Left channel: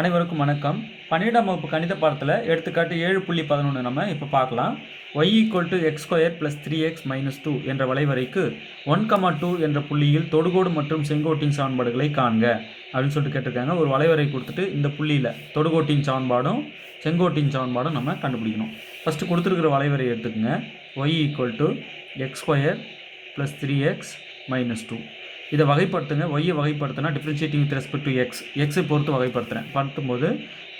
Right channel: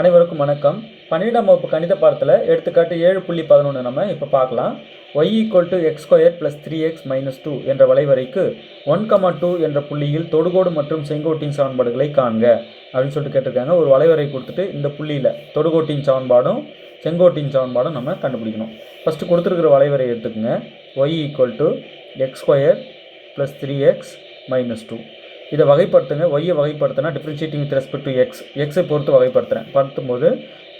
அனைவருக்கும் வணக்கம். 12ஆம் வகுப்பு கணித பாடத்தில் எடுத்துக்காட்டு 7.11 நம்ம இப்போ பார்க்கலாம். y = x² + 3x - 2 என்ற வளைவரைக்கு 1,2 என்ற புள்ளியில் தொடுகோடு மற்றும் செங்கோட்டின் சமன்பாடுகளை காண்க அப்படின்னு சொல்லிட்டு கேட்டிருக்காங்க. ஒரு வளைவரை கொடுத்துட்டு இந்த புள்ளியில் தொடுகோட்டின் சமன்பாடும் செங்கோட்டின் சமன்பாடும் நம்ம கண்டுபிடிக்கணும். ஃபஸ்ட்டு கொடுத்துருக்கிற வளைவரை எடுத்துக்கோங்க. y = x² + 3x - 2. இதை வகைப்படுத்துங்க. ஒய்யை வகைப்படுத்தினா டிஃப்ரென்ஷியேட்டிங் வித் ரெஸ்பெக்ட் டு எக்ஸை பொறுத்து வகைப்படுத்துகிறேன். படுத்தும்போது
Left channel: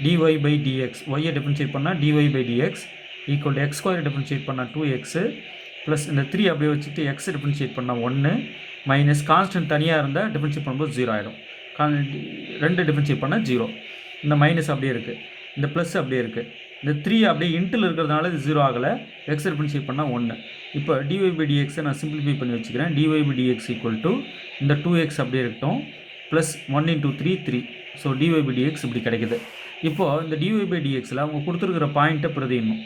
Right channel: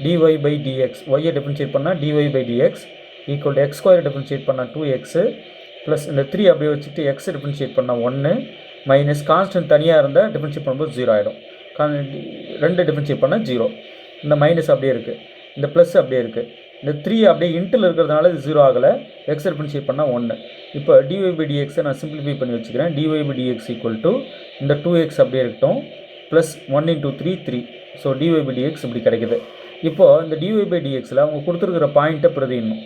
dy/dx, ஒய்யை டிஃப்ரென்ஷியேட் பண்ணால் dy/dx equal to x² differentiate பண்ணால் 2x ப்ளஸ் இந்த 3 அப்படியே வச்சுட்டு x டிஃப்ரென்ஷியேட் பண்ணால் 1 மைனஸ் கான்ஸ்டன்ட் தனியாக இருந்தால் டிஃப்ரென்ஷியேட் பண்ணும்போது 0 ஆகிடும். 2 டிஃப்ரென்ஷியேட் பண்ணால் 0. இந்த மைனஸ் அப்படியே இருக்குது, இந்த ப்ளஸ் அப்படியே இருக்குது. இந்த 3 அப்படியே இன்ட்டில் இருக்கிறதுனால இது 0 ஆகலை. எக்ஸ் டிஃப்ரென்ஷியேட் பண்ணால் 1. இப்போ dy/dxை நான் சிம்பிளிஃபை பண்ணி வச்சுக்கிறேன். dy/dx ஈக்குவல் டு இந்த 2x அப்படியே இருக்கட்டும் ப்ளஸ் 1 × 3 3. ஸோ dy/dx இப்படி கிடைக்குது. இப்போது இந்த dy/dxயில் அவங்க கொடுத்துருக்கிற பாயிண்ட்டை பிரதிடணும்.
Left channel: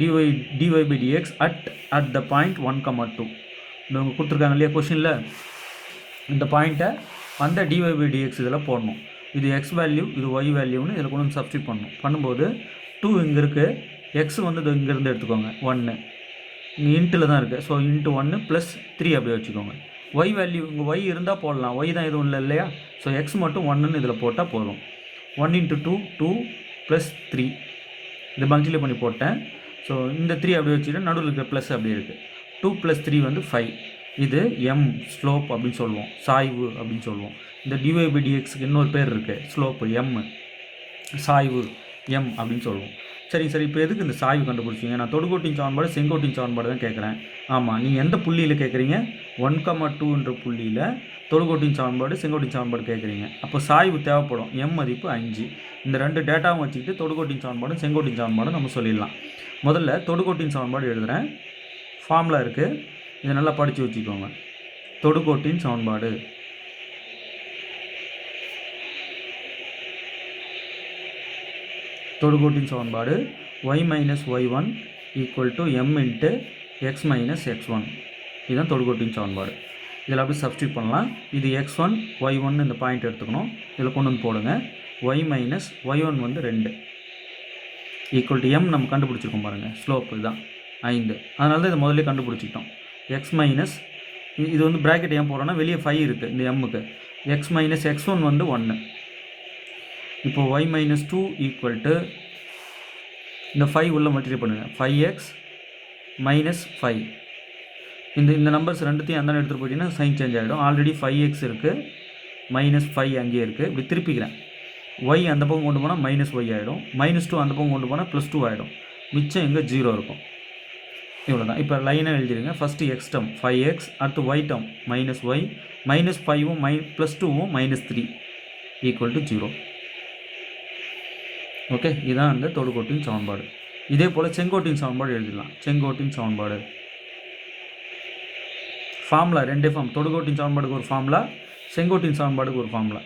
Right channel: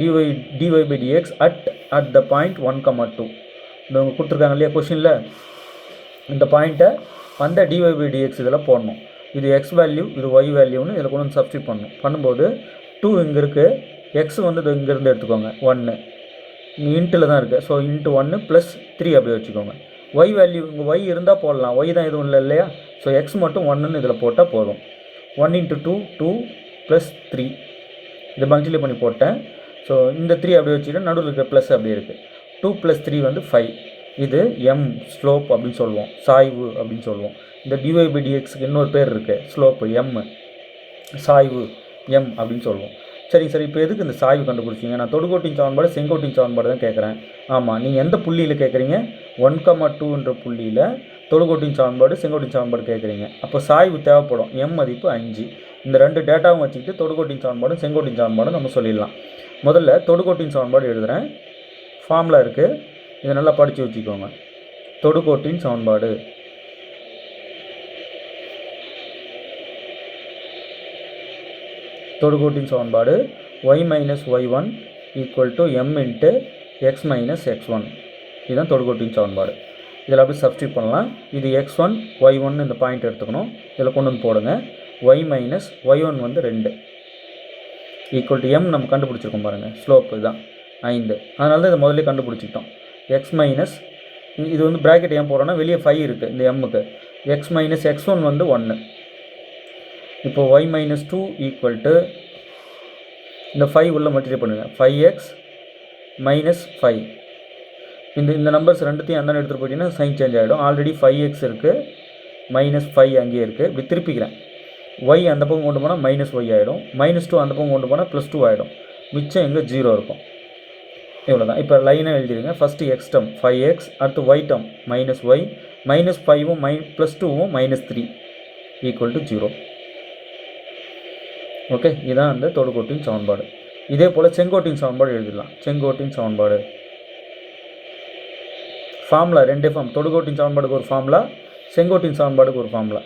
dy/dx அட் த பாயிண்ட் 1,2 இந்த அவங்க கொடுத்துருக்காங்க இல்லையா கொஷினில், இந்த பாயிண்ட்டை அந்த dy/dx இதில் போடணும். இது எக்ஸ் வேல்யூ, இது ஒய் வேல்யூன்னு இதில் கொண்டு வந்து சப்ஸ்டியூட் பண்ணணும். பண்ணும்போது 2 இங்கே இருக்குது, எக்ஸ் வந்து இது இங்கேருந்து எடுத்துக்கோங்க 1, இங்கே இன்ட்டில் தான் இருக்குது. ஸோ இன்ட்டு 1 ப்ளஸ் 3 அப்படியே வச்சுக்கோங்க. ஒய் வேல்யூ இங்கே ஒய் இருந்தால் போடலாம், ஒய் தான் எதுவும் இல்லை இல்லையா. ஸோ எக்ஸ் மட்டும் 1ன்னு இதில் போட்டால் போதும். 1 × 2 2 ப்ளஸ் 3 இதை மல்டிப்ளை பண்ணி போட்டேன். ஸோ இந்த 3 அப்படியே வச்சுக்கிட்டு நடுவில் இருக்கிற ப்ளஸ் அப்படியே இருக்குது. 2 + 3 வந்து 5. இது எம் ஸ்லோப் அப்படின்னு சொல்லுவோம், சாய்வு அப்படின்னு சொல்லுவோம். இந்த dy/dxக்கு இன்னொரு பேர் இருக்குது, ஸ்லோப்பு எம், சாய்வு எம் அப்படின்னு சொல்லுவோம். சரிங்க சார், இப்போ எதுக்கு இந்த சாய்வு கண்டுபிடிச்சிங்க? நான் தொடுகோட்டின் சமன்பாடு செங்கோட்டின் சமன்பாடு தான் கேட்குறேன். ஆமாம், நீங்கள் எந்த புள்ளியில் கேட்குறீங்க? 1,2 புள்ளியில் தொடுகோட்டின் சமன்பாடு செங்கோட்டின் சமன்பாடு கேட்குறீங்க. அப்போ சாய்வு தேவைப்படும். எம் மதிப்பு 5. இந்த 2 டேட்டாவும் வச்சுக்கிட்டு தொடுகோட்டின் சமன்பாடும் செங்கோட்டின் சமன்பாடும் நம்ம சொல்லிடலாம். முதல்ல தொடுகோட்டின் சமன்பாடு எழுதுகிறேன். ஃபார்முலா இருக்குது, இதை நல்லா படித்து வச்சுக்கோங்க. தொடுகோட்டின் சமன்பாடு தொடுகோட்டின் சமன்பாடு y - y1 = m × x - x1. இதுதான் தொடுகோட்டின் சமன்பாடு. இதில் அப்படி சப்ஸ்டியூட் பண்ணலாம். இது x1 y1 இந்த பாயிண்ட் எடுத்துக்கணும், இதில் கொண்டு வந்து போடுங்க. y - y1 வந்து 2 = m நம்ம கண்டுபிடிச்சிருக்கோம் பாருங்கள், ஸ்லோப் இதுதான் 5. அதனால தான் இதை முதல்ல கண்டுபிடிச்சிக்கிட்டோம். x மைனஸ் இது வந்து ப்ராக்கெட் ஏன் போடுறோன்னா வெளியே 5 இருக்குது இந்த எம்முக்கு. x - x1 வந்து 1. இப்போ y - 2 ஈக்குவல் டு இந்த 5 உள்ள மல்டிப்ளை பண்ணுங்கள். 5x - 5. இந்த நம்பர்ஸ் ரெண்டுத்தையும் அந்த எடுத்துகிட்டு போயிட்டீங்கன்னா சைன் சேஞ்ச் ஆகிடும். ஆல்ரெடி 5x இருக்குது, -5 அங்கேயே இருக்குது. இப்படி திருப்பிக்கிறேன். y அந்த பக்கம் கொண்டு போனால் -y ஆகிடும், -2 அந்த பக்கம் கொண்டு போனால் +2 ஆகிடும். மிச்சம் எங்கே 0 இருக்கும். இவ்வளோ தான். இப்போ லைனாக எழுதிடுங்க. ஃபஸ்ட்டு x டேர்ம் 5x, அடுத்து y டேர்ம் -y, -5வும் +2வும் -3 = 0. ஓகே, இதுதான் அந்த தொடுகோட்டின் சமன்பாடு. இதே போல் செங்கோட்டின் சமன்பாடு எழுதிடலாம். செங்கோட்டின் சமன்பாடு ஃபார்முலா 2 ஃபார்ம். தொடுகோட்டின் சமன்பாடுக்கு ஒரு ஃபார்முலா, செங்கோட்டின் சமன்பாடுக்கு ஒரு ஃபார்முலா.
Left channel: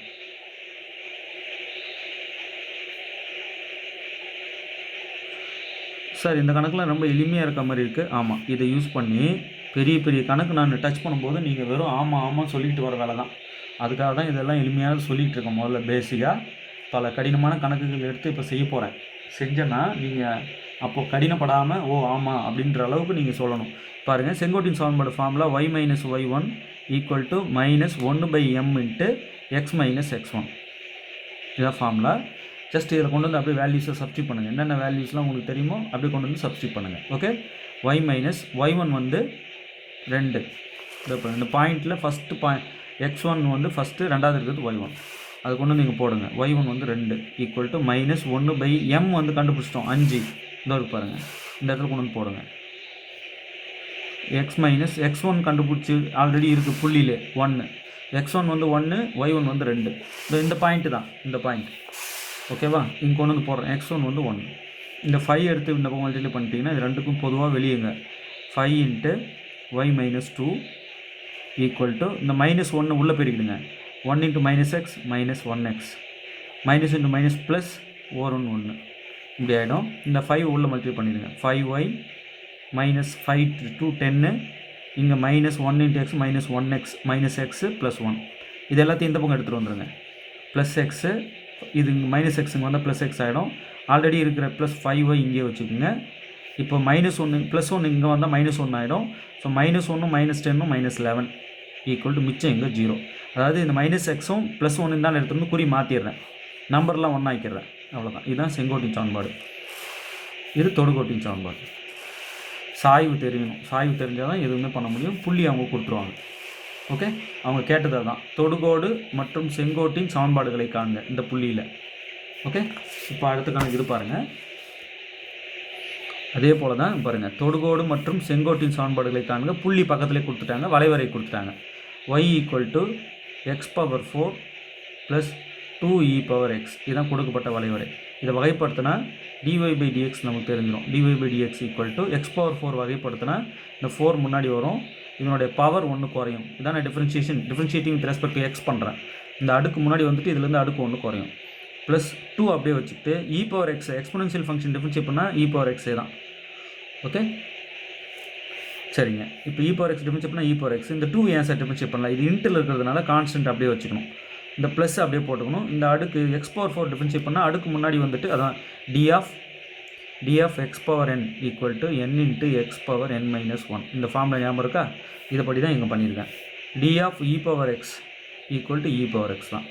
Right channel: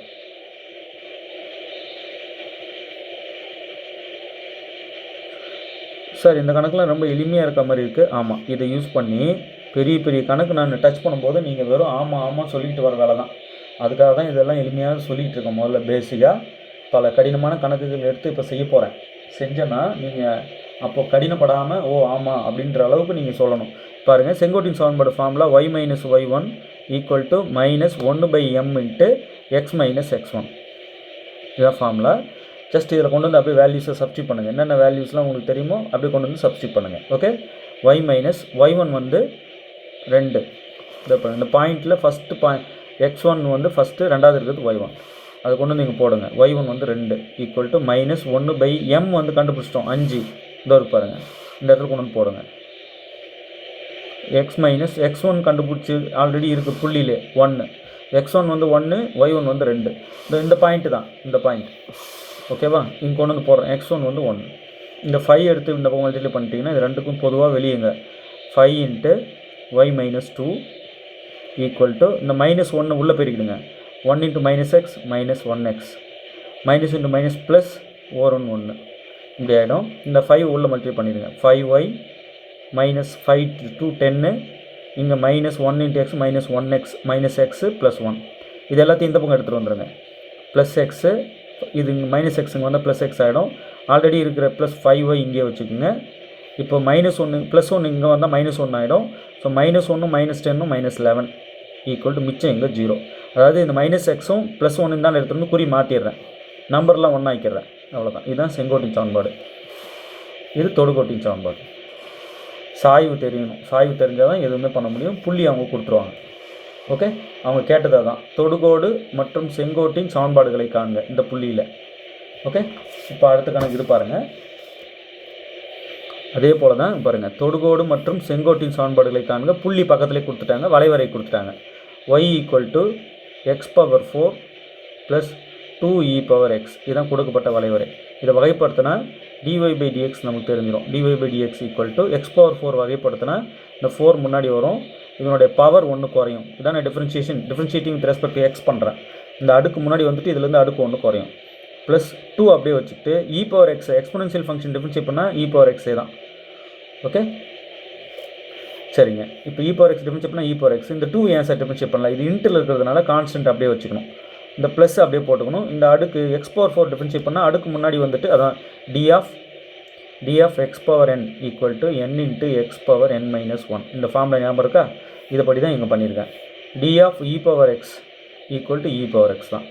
சார், இந்த கணக்கெலாம் ரொம்ப எளிமையாக இருக்க மாதிரி இருக்குது. ஆமாம், இதை யூஸ் பண்ணி பெரிய பெரிய கணக்கு நான் டச் பண்ணும்போது நீங்கள் வெறும் ஆமாம் சொல்லிட்டு வர வேலை தான். அதுக்காக தான் இதெல்லாம் எளிமையாக சொல்லிகிட்டு இருக்கேன். முதல்ல பேசிக்காக பல கடினமான கணக்குகள் எடுத்து இப்போ செய்ய போகிறேன். செஞ்சேன்னா நீங்கள் அப்போது கடினப்படாமல் ஓ ஆமாம் அப்படின்ற அளவுக்கு நீங்கள் சொல்லணும். பாருங்கள், செங்கோட்டின் சமன்பாடு formula y - y1 = -1/m × x - x1. இதுதான் ஃபார்முலா. ஜஸ்ட் இதில் கொண்டு வந்து அப்படியே வேல்யூஸை சப்ஸ்டியூட் பண்ணுங்கள். என்னென்ன வேல்யூஸ்லாம் உங்களுக்கு தெரியுமோ அப்படியே கொண்டு வந்து சப்ஸ்டியூட் பண்ணுங்கள். ஓகே, y - y1 வந்து 2. இந்த பாயிண்ட்டில் ஃபஸ்ட்டு x1 வந்து ஃபஸ்ட்டு, ரெண்டாவது இருக்கிறது y1. அது கொண்டு வந்து நீங்கள் போடுங்க. y1 வந்து 2 = -1/m வந்து கண்டுபிடிச்சிட்டோம் 5. இதோ இருக்கு பாருங்கள், இந்த இடத்துல கொண்டு வந்து போடுங்க. x - x1 கண்டுபிடிச்சி ஆல்ரெடி இருக்குது புள்ளியில் 1. x1 வந்து 1, y1 வந்து 2. இந்த பாயிண்ட்டு தான், இந்த பாயிண்ட். ஓகேவா, இங்கே கொண்டு வந்து போடுறேன். x1 வந்து 1. இந்த 5 எடுத்து இந்த பக்கம் மல்டிப்ளை பண்ணிட்டீங்கன்னா இது ரெண்டுக்கும் பொதுவாக வெளியேங்க. 5 × y - 2 = இந்த -1 உள்ளே பெருக்கிடுங்க. 1 × -x - 1x minus into minus plus ஓரன் 1 இப்படி ஆகிடும். இந்த 5 உள்ள மல்டிப்ளை பண்ணிடுங்க. 5y -5 to 10 இங்கே -1 × x -1x -x +1 இது எல்லாத்தையும் இந்த பக்கம் எடுத்துகிட்டு வந்துடுங்க. +x இது மைனஸ் எக்ஸுங்க வந்தால் ப்ளஸ் எக்ஸ் ஆகிடும். ஆல்ரெடி இருக்கிற ப்ளஸ் 5y இங்கே வச்சுக்கோங்க. இப்போ -1 +1 இங்கே வந்தால் -1 ஆகிடும். ஸோ -1 -10 -11 ஈக்குவல் டு மிச்சம் இங்கே 0. அதாவது இந்த மைனஸ் எக்ஸும் +1 தான் எடுத்துகிட்டு குறி மாற்றிடுறேன், நம்பர்லாம் ஒன்றா ஆக்கிடுறேன். அவ்வளோதான். இதுதான் செங்கோட்டின் சமன்பாடு. இது தொடுகோட்டின் சமன்பாடு. சாய்வு தெரியணும். சாய்வு தெரிஞ்சால் தான் எதுவுமே பண்ண முடியும். புள்ளி அவங்க கொடுத்துருவாங்க. ஓகே, அவங்க கேட்டது தான் தொடுகோடு மற்றும் செங்கோட்டின் சமன்பாடுகளை காண்க இந்த புள்ளியில். ஓகே, இப்போ அடுத்த கணக்கு இது பாருங்கள். அதே போல் தான் பாருங்கள், தொடுகோடு மற்றும் செங்கோட்டின் சமன்பாடுகளை காண்க. புள்ளி பக்கத்துலேயே கொடுத்துட்டாங்க, வளைவரை கொடுத்துட்டாங்க. y = x⁴ + 2e⁻x இதுதான் கொடுக்கப்பட்ட வளைவரை. இதை வகைப்படுத்தினா dy/dx நமக்கு தெரிஞ்சிடும். dy/dx = x⁴ வகைப்படுத்தினா இந்த 4 முன்னாடி வரும், இதனுடைய பவர் 1 குறையும். இதான் நான் differentiating with respect to X பண்ணுறேன். இந்த அடுக்கு முன்னாடி வந்துட்டு இதுலேருந்து அடுக்கு 1 குறையும். ப்ளஸ் 2 அப்படியே வச்சுட்டு e⁻x எக்ஸ்பொனென்ஷியல் ஃபங்க்ஷன் டிஃப்ரென்ஷியேட் பண்ணால் e⁻x தான். ஓகே, சரிங்க. இப்போ e⁻x டிஃப்ரென்ஷியேட் பண்ணால் e⁻x. இந்த 2 ஏன் சார் டிஃப்ரென்ஷியேட் பண்ணலாம்? இது இன்ட்டில் இருக்கிறதுனால கான்ஸ்டன்ட் அப்படியே வச்சுக்கணும். இந்த ப்ளஸ் அப்படியே போட்டுக்கணும். இந்த அடுக்கு x⁴ டிஃப்ரென்ஷியேட் பண்ணால் அடுக்கு முன்னாடி வந்துட்டு அதான் d of x⁴n = n × x⁴n - 1. இந்த ஃபார்மில் ஞாபகம் இருக்கா? இதைப்படி தான் இங்கே பண்ணியிருக்கேன். d of e⁻x = e⁻x தான்.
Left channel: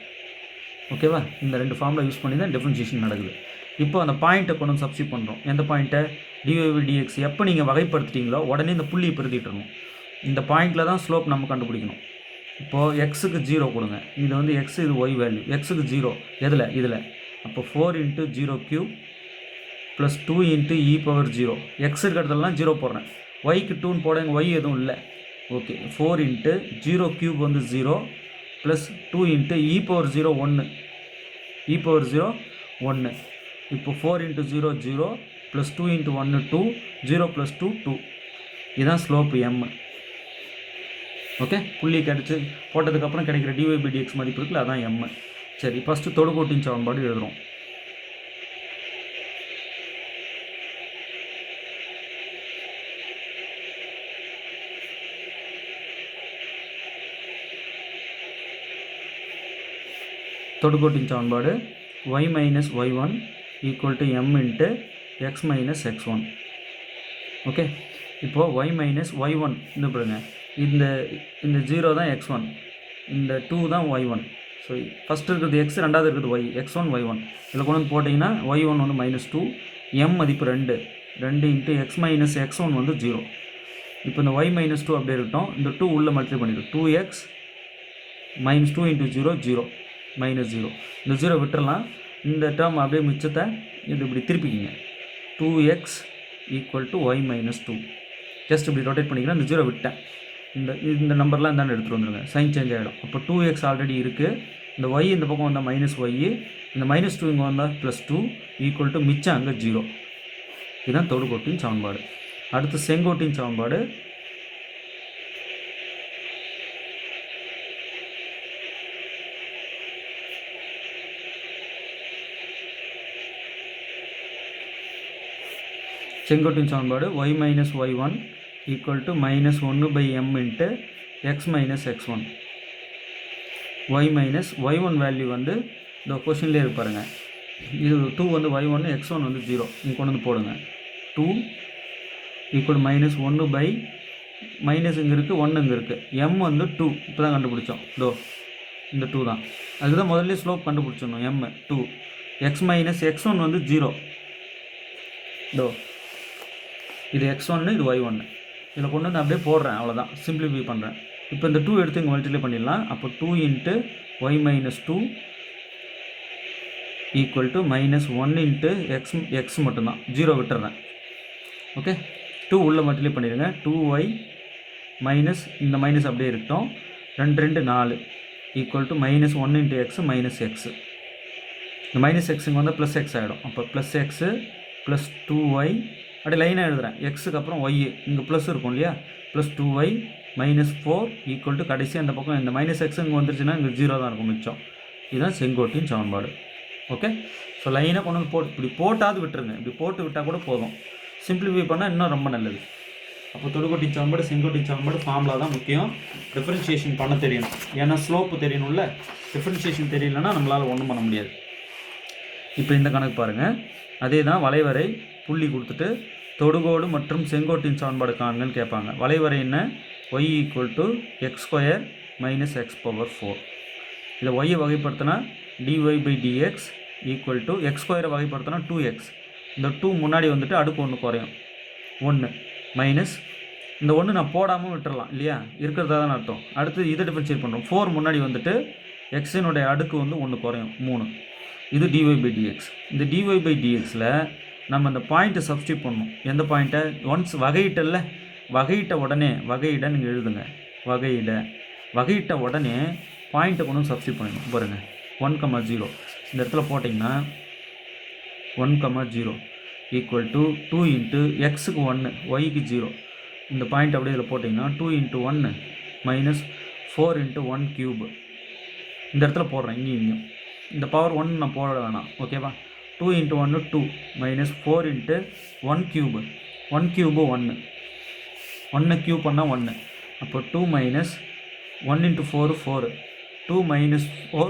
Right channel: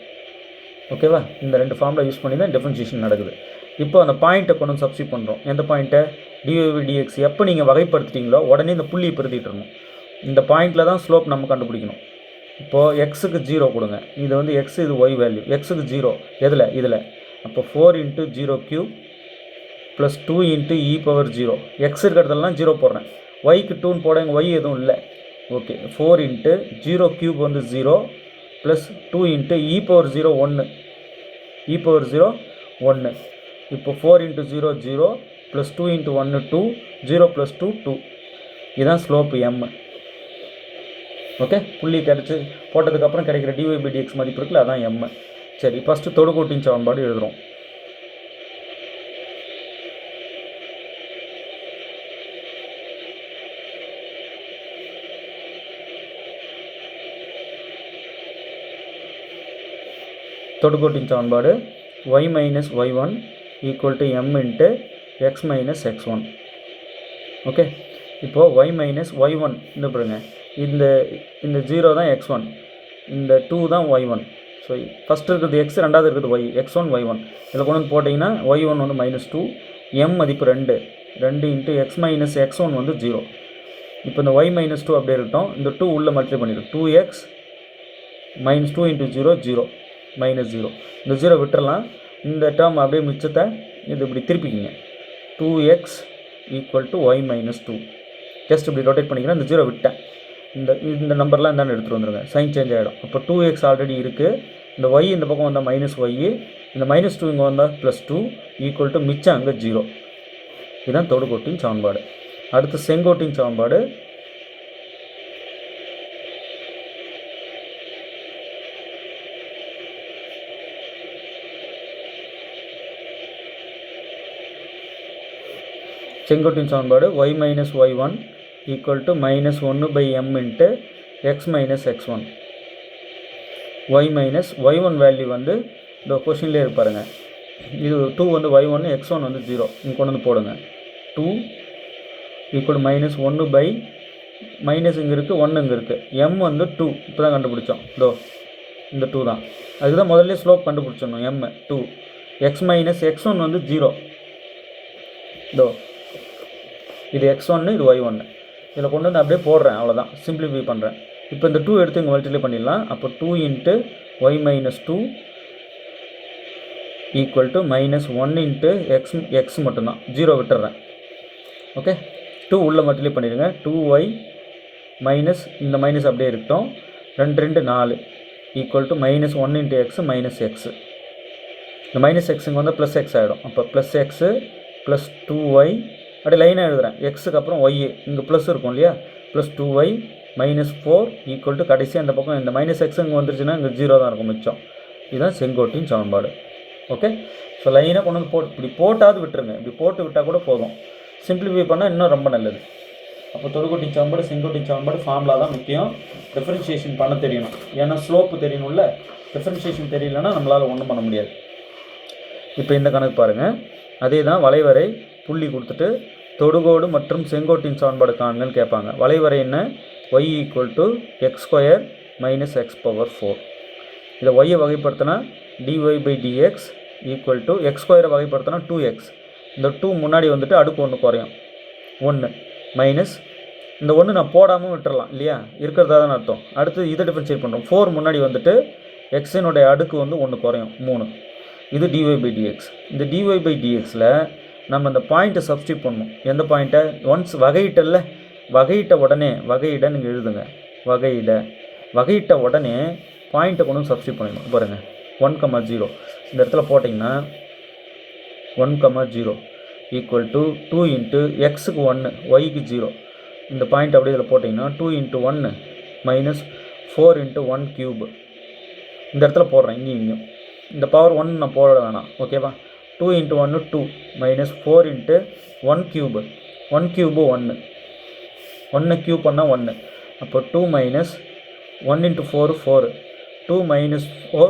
ஓகேவா? இந்த 2 ஃபார்மில் யூஸ் பண்ணி தான் டிஃப்ரென்ஷியேஷன் நடக்குது. இப்போ அந்த பாயிண்ட்டை கொண்டு வந்து சப்ஸ்டிட் பண்ணுறோம். எந்த பாயிண்ட்டை? dy/dx எப்போ நீங்கள் வகைப்படுத்திட்டீங்களோ உடனே இந்த புள்ளியை பிரதிட்டுறணும். இந்த பாயிண்டில் தான் ஸ்லோப் நம்ம கண்டுபிடிக்கணும். இப்போது எக்ஸுக்கு 0 கொடுங்க. இது வந்து எக்ஸ், இது ஒய் வேல்யூ. எக்ஸுக்கு 0 இதில் அப்போ 4 × 0³ + 2 × e⁻0. எக்ஸ் இருக்கிறதெல்லாம் 0 போடுறேன். ஒய்க்கு 2ன்னு போட எங்கள் ஒய் எதுவும் இல்லை. ஓகே, 4 × 0³ வந்து 0 + 2 × e⁻0 1 e⁻0 1. இப்போ 4 × 0 0 + 2 × 1 2 0 + 2 2. இதுதான் ஸ்லோப் m. ஓகே, புள்ளி கிடச்சி போட்டதுக்கப்புறம் கிடைக்கிற dy/dx மதிப்பு இருக்குல்ல, அதான் m. சரி, ஃபஸ்ட்டு தொடுகோட்டின் சமன்பாடு எழுதுகிறோம். தொடுகோட்டின் சமன்பாடு y - y1 = m × x - x1. Okay, இப்போது y - y1 இந்த பாருங்க, இந்த 0 தான் x1, இந்த 2 தான் y1. ஸோ ஃபஸ்ட்டு இருக்கிறது x, ரெண்டாவது இருக்கிறது y, x1 y1. இதில் கொண்டு வந்து போட்டிங்கன்னா y1 வந்து -2, m மதிப்பு 2 × x - x1 வந்து 0. இப்போ இந்த y - 2 அப்படியே இருக்கட்டும். இந்த 2 உள்ளே மல்டிப்ளை பண்ணிடும். 2x - 2 × 0 0 -0. இந்த 0 விட்டுறலாம். இந்த டேர்ம் அப்படியே மிச்சத்தை இது இப்படி திருப்பிக்கிங்க. 2x = y - 2. ஜஸ்ட் இப்படி ரொட்டேட் பண்ணிங்கன்னா இந்த 0 விட்டேன். இந்த நம்பர்லாம் இந்தாண்டு எடுத்துகிட்டு வந்துடுங்க. சைன் சேஞ்ச் ஆகிடும். அப்போ 2x ஆல்ரெடி இருக்குது. இந்த y இந்த பக்கம் வந்தால் -y, இந்த -2 இங்கே வந்தால் +2 = மிச்சம் அங்கே 0. இதுதான் தொடுகோட்டின் சமன்பாடு. அடுத்து செங்கோட்டின் சமன்பாடு. செங்கோட்டின் சமன்பாடு y - y1 = -1/m × x - x1. y - y1 value வந்து இந்த கொஷின்லேயே இருப்பாருங்க. இது 2 வந்து y1, x1 வந்து 0. இங்கே கொண்டு வந்து போடுங்க. 2 = -1/, மைனஸ் இங்கே இருக்குது, 1 இங்கே இருக்குது. m வந்து 2 இப்போ தான் கண்டுபிடிச்சோம். இந்த 2 தான். அதுக்கு தான் முதல்ல ஸ்லோப் கண்டுபிடிச்சிடணும். m 2, x - x1 வந்து 0. இது x1, இது y1. இதில் கொண்டு வந்து அப்படியே போடுறேன், அவ்வளோதான். சிம்பிளிஃபை பண்ணுறேன். இப்போ இந்த 2 எடுத்து இங்கே மல்டிப்ளை பண்ணிடலாம். அப்போ 2 × y - 2 = -1 × x மட்டும்தான். 0 விட்டுறேன். ஓகே, 2 உள்ளே மல்டிப்ளை பண்ணிடுங்க. 2y மைனஸ் இந்த மைனஸ் அப்படியே இருக்கட்டும். 2 2 4 = -1 × x -x. இந்த -x இங்கே வந்து +x ஆகிடும். அப்போ +x + 2y அப்படியே லைனாக எழுதுகிறேன். எக்ஸுக்கு அப்புறம் ஒய் இங்கே ப்ளஸ் இருக்கும் இல்லையா, +2y -4 = கடைசி அந்த பக்கம் இந்த -x இங்கே வந்துருச்சுன்னா இங்கே 0 தான் இருக்கும் மிச்சம். இதுதான் செங்கோட்டின் சமன்பாடு. ஓகே, ஸோ லைனாக கொண்டு வந்து இப்படி போட்டாவது விட்டுருங்க. இப்படி போட்டு விட்டால் கூட போதும். சிம்பிளிஃபை பண்ணால் இன்னும் ரொம்ப நல்லது. அப்போ தொடுகோட்டின் சமன்பாடு, செங்கோட்டின் சமன்பாடு ஃபார்முலா தான் முக்கியம். டிஃபரன்ஷியேஷன் பண்ண தெரியணும். ஏன்னா ஸ்லோப்பு தெரியணும்ல. டிஃபரன்ஷியேஷன் தெரியலன்னா நம்மளால் ஒன்றும் பண்ண முடியாது. இப்போ இந்த கணக்கு பாருங்கள், அதே தான் வளைவரை புள்ளி கொடுத்துட்டு தொடுகோடு மற்றும் செங்கோட்டின் சமன்பாடு காண்கன்னு கேட்பாங்க. வளைவரை என்ன? y = x² - x⁴. இதை y வகைப்படுத்தினா dy/dx = x² வகைப்படுத்தினா 2x. இந்த 2 முன்னாடி வந்துட்டு அடுக்கு 1 குறையும், 1 மைனஸ் இந்த 1 நான் போடாமல் விட்டுறலாம் இல்லையா, இருக்கிறதா தான் அர்த்தம். அடுத்து இதை டிஃபரன்ஷியேட் பண்ணுறோம், 4 முன்னாடி வந்துட்டு எக்ஸினுடைய அடுக்கு வந்து 1 குறையும், 3. இது dy/dx. இந்த dy/dxல நம்ம இந்த பாயிண்ட்டை சப்ஸ்டியூட் பண்ணணும். எந்த பாயிண்ட்டை? ஒன்ஸ் வகையிட்டல்ல, வகையிட்ட உடனே வகையிட நீங்கள் எழுதுங்க, வகையிட்ட உடனே பாயிண்ட்டை கொண்டு சப்ஸ்டியூட் பண்ணிடணும். பாருங்கள் 1,0 இந்த இடத்துல போட்டிங்கன்னா 1,0 = 2 × x-க்கு 1 y-க்கு 0. இந்த பாயிண்ட் அப்படியே இதில் போட்டிங்கன்னா 2 × 1 - 4 × 1³ இந்த இடத்துல போடுறேன். இங்கேயும் இந்த பவர் 1 நான் போட வேணாம், ஓகேவா? 2 × 1 2 - 4 × 1³ 1³ 1 1 க்யூப் பண்ணால் 1. அப்போ 2 - 1 × 4 4 2 - 4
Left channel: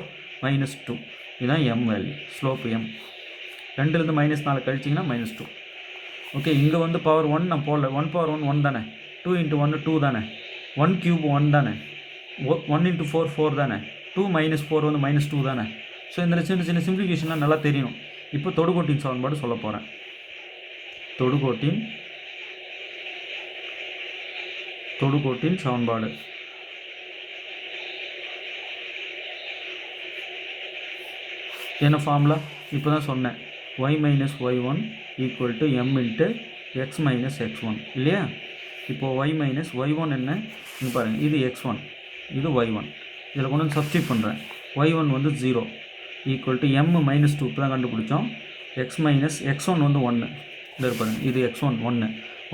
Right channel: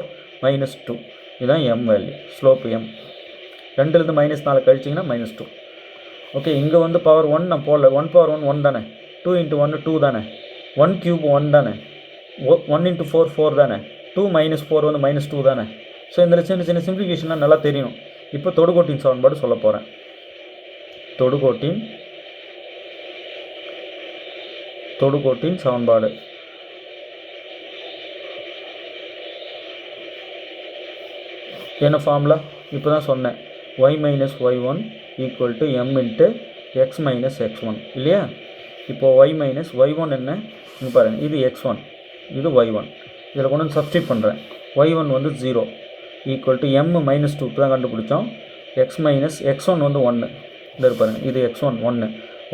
- 2. இதுதான் m value, slope m. 2லேருந்து -4 கழிச்சிங்கன்னா -2. Okay, இங்கே வந்து பவர் 1 நான் போடல, 1 பவர் 1 1 தானே, 2 × 1 2 தானே, 1³ 1 தானே, 1 × 4 4 தானே, 2 - 4 வந்து -2 தானே. ஸோ இந்த சின்ன சின்ன சிம்பிளிஃபிகேஷன்லாம் நல்லா தெரியும். இப்போ தொடுகோட்டின் சமன்பாடு சொல்ல போகிறேன். தொடுகோட்டின் சமன்பாடு என்ன ஃபார்முலா? இப்போ தான் சொன்னேன், y - y1 = m × x - x1 இல்லையா? இப்போது y - y1 என்ன? இங்கே பாருங்கள், இது x1 இது y1. இதில் கொண்டு வந்து சப்ஸ்டியூட் பண்ணுறேன். y1 வந்து 0 = m - 2 இப்போ தான் கண்டுபிடிச்சோம். x - x1 வந்து 1. இந்த பாருங்கள், இது x1 1,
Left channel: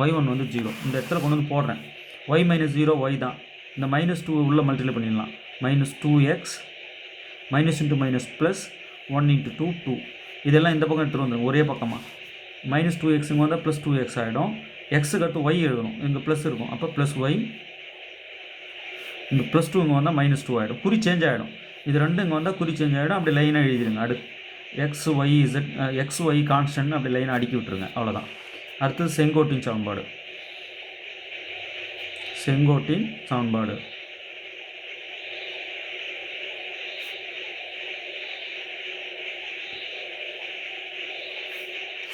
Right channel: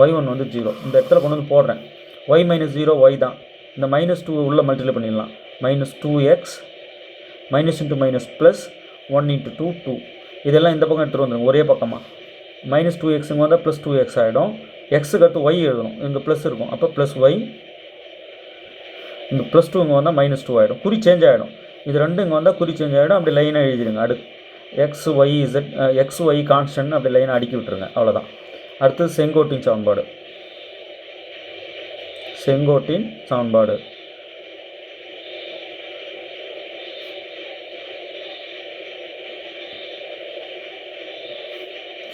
y1 வந்து 0. இந்த இடத்துல கொண்டு வந்து போடுறேன். y - 0 y தான், இந்த -2 உள்ளே மல்டிப்ளை பண்ணிடலாம். -2x minus into minus plus 1 × 2 2. இதெல்லாம் இந்த பக்கம் எடுத்துகிட்டு வந்துடும் ஒரே பக்கமாக. -2x வந்தால் +2x ஆகிடும். எக்ஸுக்கு அடுத்து y எழுதணும், இங்கே ப்ளஸ் இருக்கும், அப்போ +y. இந்த +2 இங்கே வந்தால் -2 ஆகிடும், குறி சேஞ்ச் ஆகிடும். இது ரெண்டு இங்கே வந்தால் குறி சேஞ்ச் ஆகிடும். அப்படி லைனாக எழுதிடுங்க. அடுத்து xy கான்ஸ்டன்ட் அப்படி லைனாக அடுக்கி விட்டுருங்க, அவ்வளோதான். அடுத்தது செங்கோட்டின் சமன்பாடு.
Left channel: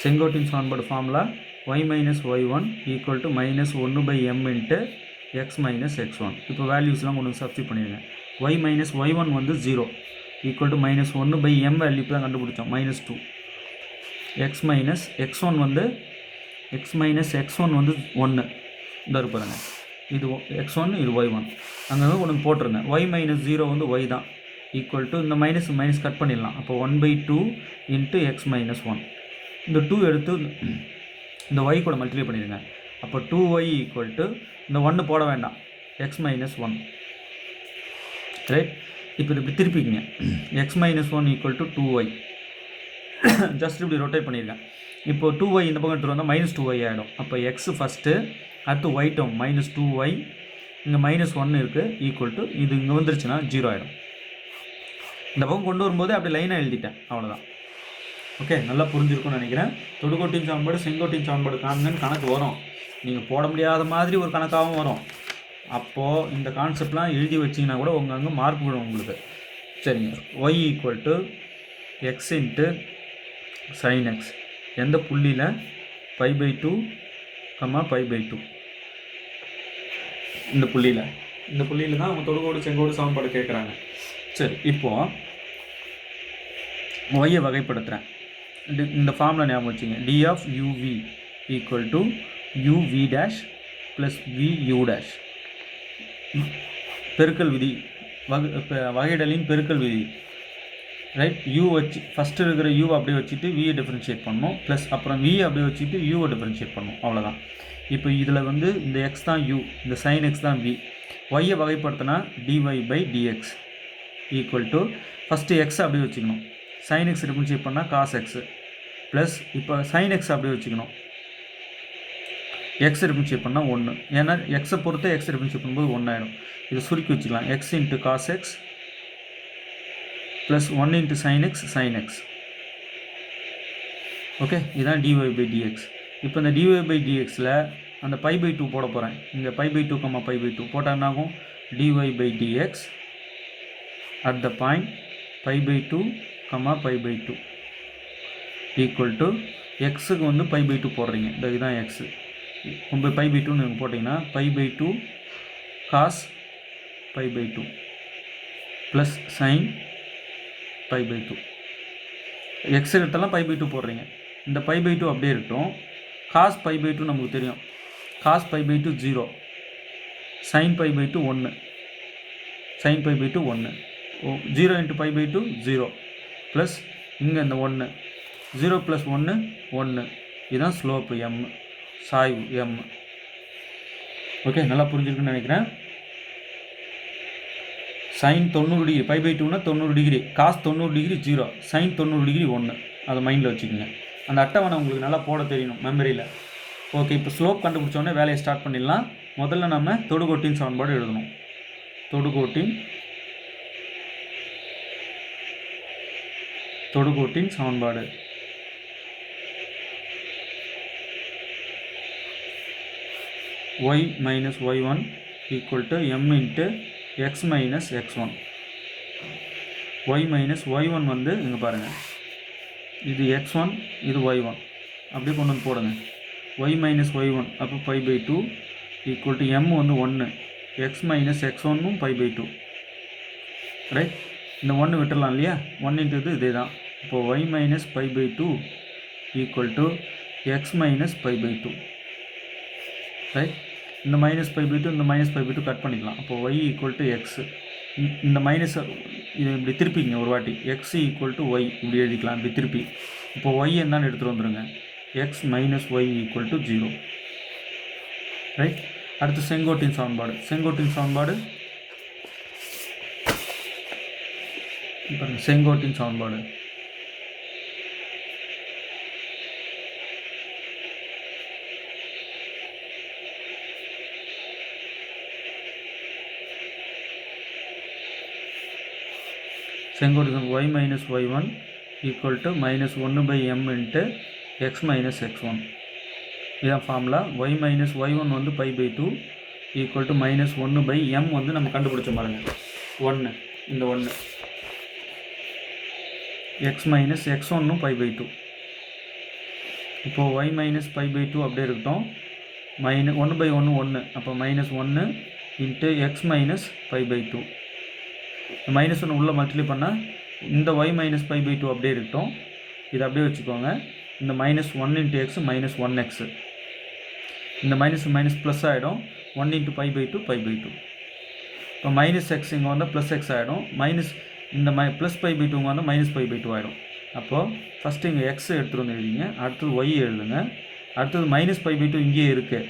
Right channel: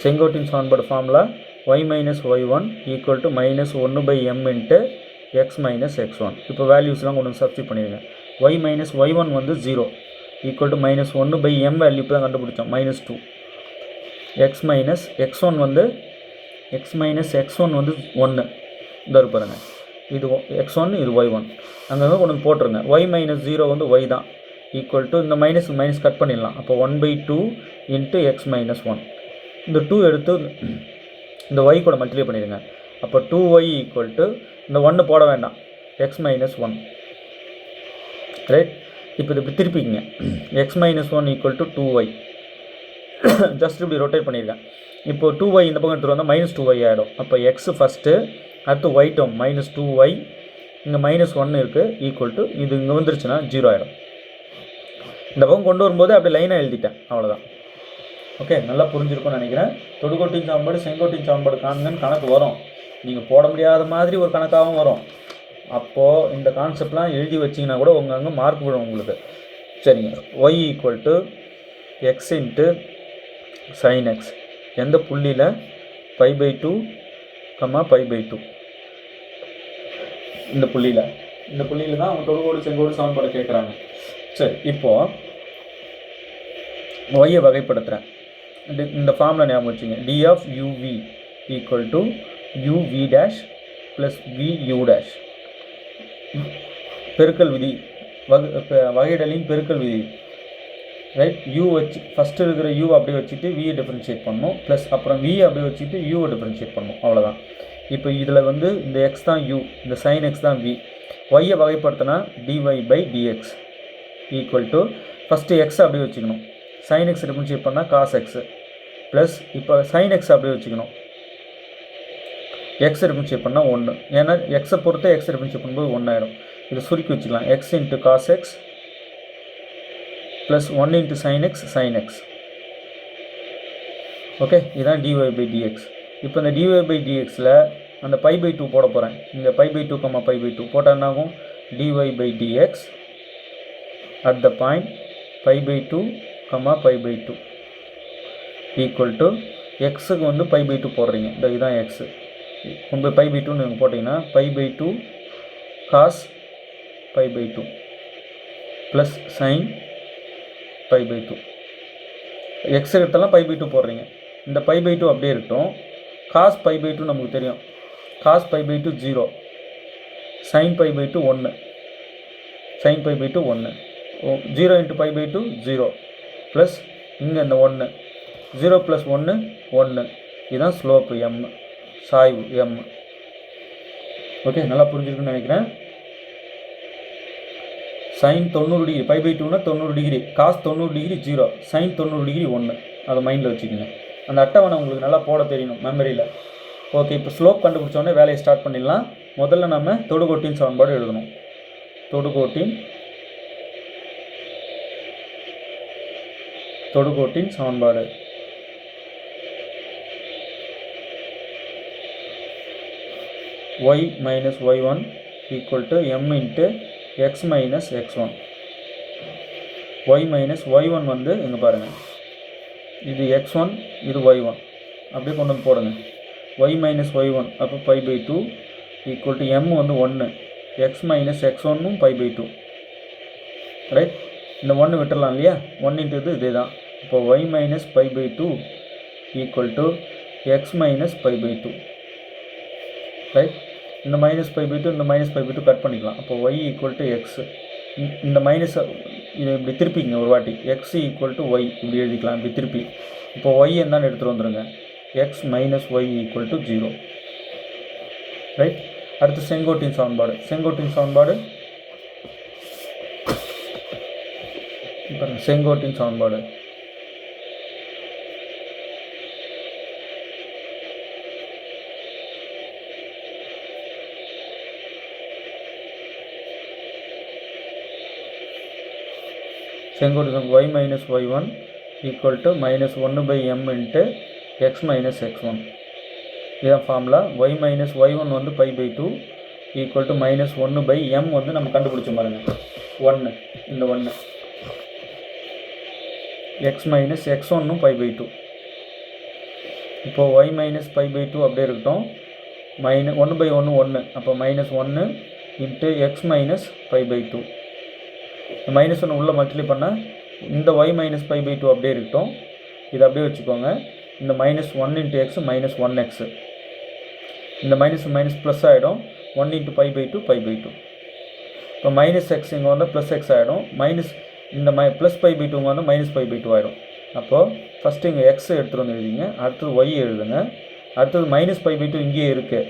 செங்கோட்டின் சமன்பாடு formula y - y1 = -1/m × x - x1. இப்போ வேல்யூஸ்லாம் கொண்டு வந்து சப்ஸ்டியூட் பண்ணிடுங்க. y - y1 வந்து 0 = -1/m வேல்யூ இப்போ தான் கண்டுபிடிச்சோம், -2. x - x1 வந்து 1. இந்த பாருங்க, இது x1 இது y1. அங்கங்கே கொண்டு வந்து போட்டுருங்க. y - 0 வந்து y தான், = இந்த மைனஸ் கட் பண்ணிடலாம். அப்போ 1/2 × x - 1. இந்த 2 எடுத்து இந்த y கூட மல்டிப்ளை பண்ணிடுங்க. அப்போ 2y = இந்த 1 போட வேண்டாம், x - 1. ரைட். இப்போ இது இப்படி திருப்பிங்க, x - 1 = 2y. ஜஸ்ட் இப்படி ரொட்டேட் பண்ணியிருக்கேன். இப்போ 2y இந்த பக்கம் எடுத்துகிட்டு வந்தால் -2y ஆகிடும். அப்போ x ஃபஸ்ட்டு, அடுத்து y டேர்ம் -2y, இங்கே -1 இருக்குது, இது இங்கே வந்துருச்சுன்னா 0 ஆகிடும். இந்த பக்கம் கொண்டு வரும்போது அப்படி லைனாக எழுதிட்டேன், அவ்வளோதான். ஓகே, நல்லா புரிஞ்சிருக்கும்னு நினைக்கிறேன். தொடுகோட்டின் சமன்பாடு செங்கோட்டின் சமன்பாடு காண்கன்னு கணக்கு வரும். நீங்கள் போட முடியாத மாதிரி ஒரு கணக்காகவும் வரும். அப்போது இந்த கான்செப்ட்லாம் எழுதி வச்சிங்கன்னா கூட அங்கே மார்க் விடும் உங்களுக்கு. சரிங்க. y = x × sin x. எந்த புள்ளியில்? π/2, π/2. இந்த புள்ளியில் தான் அவங்க தொடுகோடு செங்கோடு சமன்பாடு கேட்குறாங்க. சரி, இப்போது y வகைப்படுத்துகிறேன். இந்த ஃபார்முலா ஞாபகம் வச்சுங்க. d of uv = uv' + vu'. பெருக்கல் விதி, வகையிடலின் பெருக்கல் விதி. ரைட். u வச்சு ஃபஸ்ட்டு இருக்கிற u அப்படியே வச்சுட்டு v டிஃப்ரென்ஷியேட் பண்ணணும், ப்ளஸ் அப்புறம் v அப்படியே வச்சுட்டு u டிஃப்ரென்ஷியேட் பண்ணணும், அவ்வளோதான். இப்போ இதில் வந்து இந்த x தான் u, இந்த sin x தான் v. y வகைப்படுத்தினா dy/dx = first x அப்படியே வச்சுக்கணும், sin x டிஃப்ரென்ஷியேட் பண்ணால் cos x, ப்ளஸ் இப்போ sin x அப்படியே வச்சுக்கணும், x டிஃப்ரென்ஷியேட் பண்ணால் 1. ஏன்னா எக்ஸை பொறுத்து x டிஃப்ரென்ஷியேட் பண்ணும்போது 1 ஆகிடும். இது சுருக்கி வச்சுக்கலாம், x × cos x + 1 × sin x sin x. Okay, இதுதான் dy by dx. இப்போ இந்த dy by dxல அந்த π/2 போட போகிறேன். இங்கே π/2, π/2 போட்டால் என்ன ஆகும்? dy by dx at the point π/2, π/2 equal to எக்ஸுக்கு வந்து π/2 போடுறீங்க. இதுதான் எக்ஸு. கொண்டு π/2 நீங்கள் போட்டிங்கன்னா π/2 cos π/2 ப்ளஸ் சைன் π/2. எக்ஸ் எடுத்தாலும் π/2 போடுறீங்க. இந்த π/2 அப்படியே இருக்கட்டும். cos π/2 நமக்கு தெரியும். cos π/2 0, sin π/2 1, sin π/2 1, 0 into π/2 0 plus இங்கே இந்த 1, 0 ப்ளஸ் 1 1. இதுதான் ஸ்லோப்பு m, சாய்வு m. ஓகே, நல்லா புரிஞ்சுருக்குன்னு நினைக்கிறேன். சைன் 90 டிகிரி, π/2னா 90 degree, cos 90 degree 0, sine 90 degree 1. அதை மைண்டில் வச்சுக்கோங்க. அந்த அட்டவணை உங்களுக்கு நல்லா போட தெரியணும் மெமரியில். ஓகே, இப்போ ஸ்லோப் கண்டுபிடிச்சோடனே வேலையை ஸ்டார்ட் பண்ணிடலாம். முதல்ல நம்ம தொடுகோட்டின் சமன்பாடு எழுதணும். தொடுகோட்டின் சமன்பாடு y minus y1 equal to m into x minus x1. y minus y1 வந்து இங்கே பாருங்கள், இது x1, இது y1, அப்படியே கொண்டு வந்து போடுங்க. y minus y1 அப்போ π/2 equal to m வந்து 1, x minus x1 π/2. ரைட், இந்த 1 விட்டுடலாம் இல்லையா? 1 into இதே தான். இப்போ y minus π/2 equal to x minus π/2. Right, இந்த மைனஸ் π/2 இந்த மைனஸ் π/2 கட் பண்ணிக்கலாம். அப்போ y ஈக்குவல் டு எக்ஸ், இந்த மைனஸ் இது இப்படி திருப்பிங்க ஒரு வாட்டி, எக்ஸ் ஈக்குவல் டு ஒய் இப்படி எழுதிக்கலாம் இப்படி திருப்பி. இப்போ ஒய் என்னன்னு எடுத்துகிட்டு வந்துடுங்க, x minus y equal to 0. Right, அடுத்து செங்கோட்டின் சமன்பாடு. செங்கோட்டின் சமன்பாடு செங்கோட்டின் சமன்பாடு செங்கோட்டு y minus y1 equal to minus 1/m into x minus x1. இதுதான் ஃபார்முலா. y மைனஸ் y1 வந்து π/2 ஈக்குவல் டு மைனஸ் 1/m வந்து நம்ம கண்டுபிடிச்சோம் பாருங்க, 1, இந்த 1, எக்ஸ் மைனஸ் x1 π/2. இப்போது y மைனஸ் π/2 அப்படியே இருக்கட்டும். 1/1 1, அப்போ minus 1 into x minus π/2. Minus 1 உள்ளே மல்டிப்ளை பண்ணால் இந்த y மைனஸ் π/2 அப்படியே இருக்கட்டும். இதை அப்படியே வச்சுக்கோங்க. இந்த minus 1 into x minus 1x, இந்த மைனஸ் மைனஸ் ப்ளஸ் ஆகிடும். 1 இன்ட்டு π/2 π/2. இப்போ மைனஸ் எக்ஸ் இங்கே வந்தால் ப்ளஸ் எக்ஸ் ஆகிடும். மைனஸ் இந்த ப்ளஸ் π/2 வந்து மைனஸ் π/2 ஆகிடும். அப்போது ஃபஸ்ட்டு இங்கே எக்ஸ் எடுத்துகிட்டு வந்து எழுதிங்க, அடுத்தது ஒய் எழுதுங்க, அடுத்தது மைனஸ் π/2 இங்கேயே இருக்குது.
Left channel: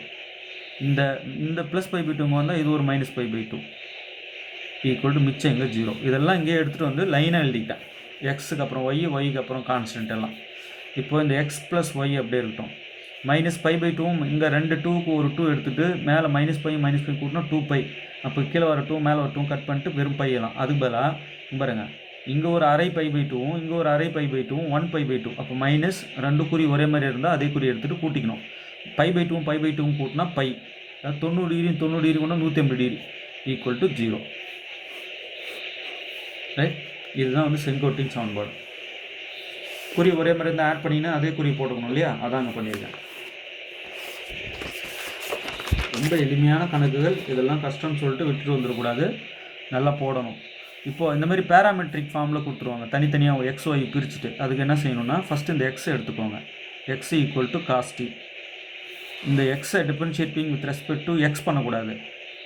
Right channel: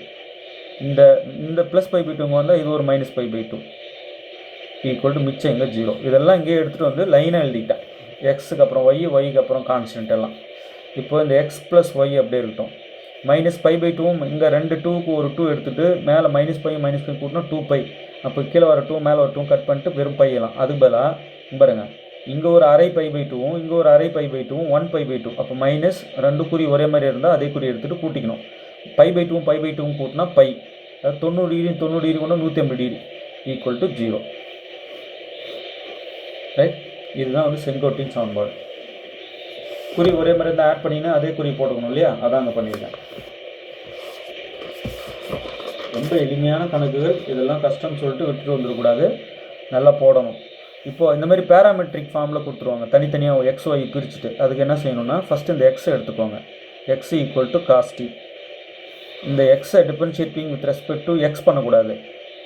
இந்த ப்ளஸ் π/2 வந்தால் இது ஒரு மைனஸ் π/2 ஈக்குவல் டு மிச்சம் இங்கே 0. இதெல்லாம் இங்கேயே எடுத்துகிட்டு வந்து லைனாக எழுதிக்கிட்டேன். எக்ஸுக்கு அப்புறம் ஒய்க்கு அப்புறம் கான்ஸ்டன்ட் எல்லாம். இப்போ இந்த எக்ஸ் ப்ளஸ் ஒய் அப்படியே இருக்கட்டும். மைனஸ் π/2 இங்கே 2 2க்கு ஒரு 2 எடுத்துகிட்டு மேலே மைனஸ் பை கூட்டினா 2π. அப்போ கீழே வர 2 மேலே ஒரு 2 கட் பண்ணிட்டு வெறும் பையலாம். அதுக்கு பதிலாக பாருங்கள், இங்கே ஒரு அரை π/2 இங்கே ஒரு அரை π/2 1/2. அப்போ மைனஸ் 2 குறி ஒரே மாதிரி இருந்தால் அதே குறி எடுத்துகிட்டு கூட்டிக்கணும். π/2 கூட்டினா பை, அதாவது 90 டிகிரி 90 டிகிரி கொண்டு 180 டிகிரி ஈக்குவல் டு 0. ரைட், இதுதான் வந்து செங்கோட்டின் சமன்பாடு. குறி ஒரே மாதிரி இருந்தால் ஆட் பண்ணிங்கன்னா அதே குறி போட்டுக்கணும் இல்லையா? அதான் அங்கே பண்ணியிருக்கேன். ரொம்ப எளிமையான கணக்குகள், இதெல்லாம் கஷ்டம்னு சொல்லிட்டு விட்டுட்டு வந்துடக்கூடாது, நல்லா போடணும். இப்போது இந்த மாதிரி பேராமெட்ரிக் ஃபார்மில் கொடுத்துருவாங்க, தனித்தனியாக எக்ஸ் ஒய் பிரிச்சுட்டு. அதுக்கு என்ன செய்யணும்னா ஃபஸ்ட்டு இந்த எக்ஸை எடுத்துக்கோங்க. X equal to காஸ்டி. இந்த எக்ஸை differentiating with respect to X பண்ணக்கூடாது,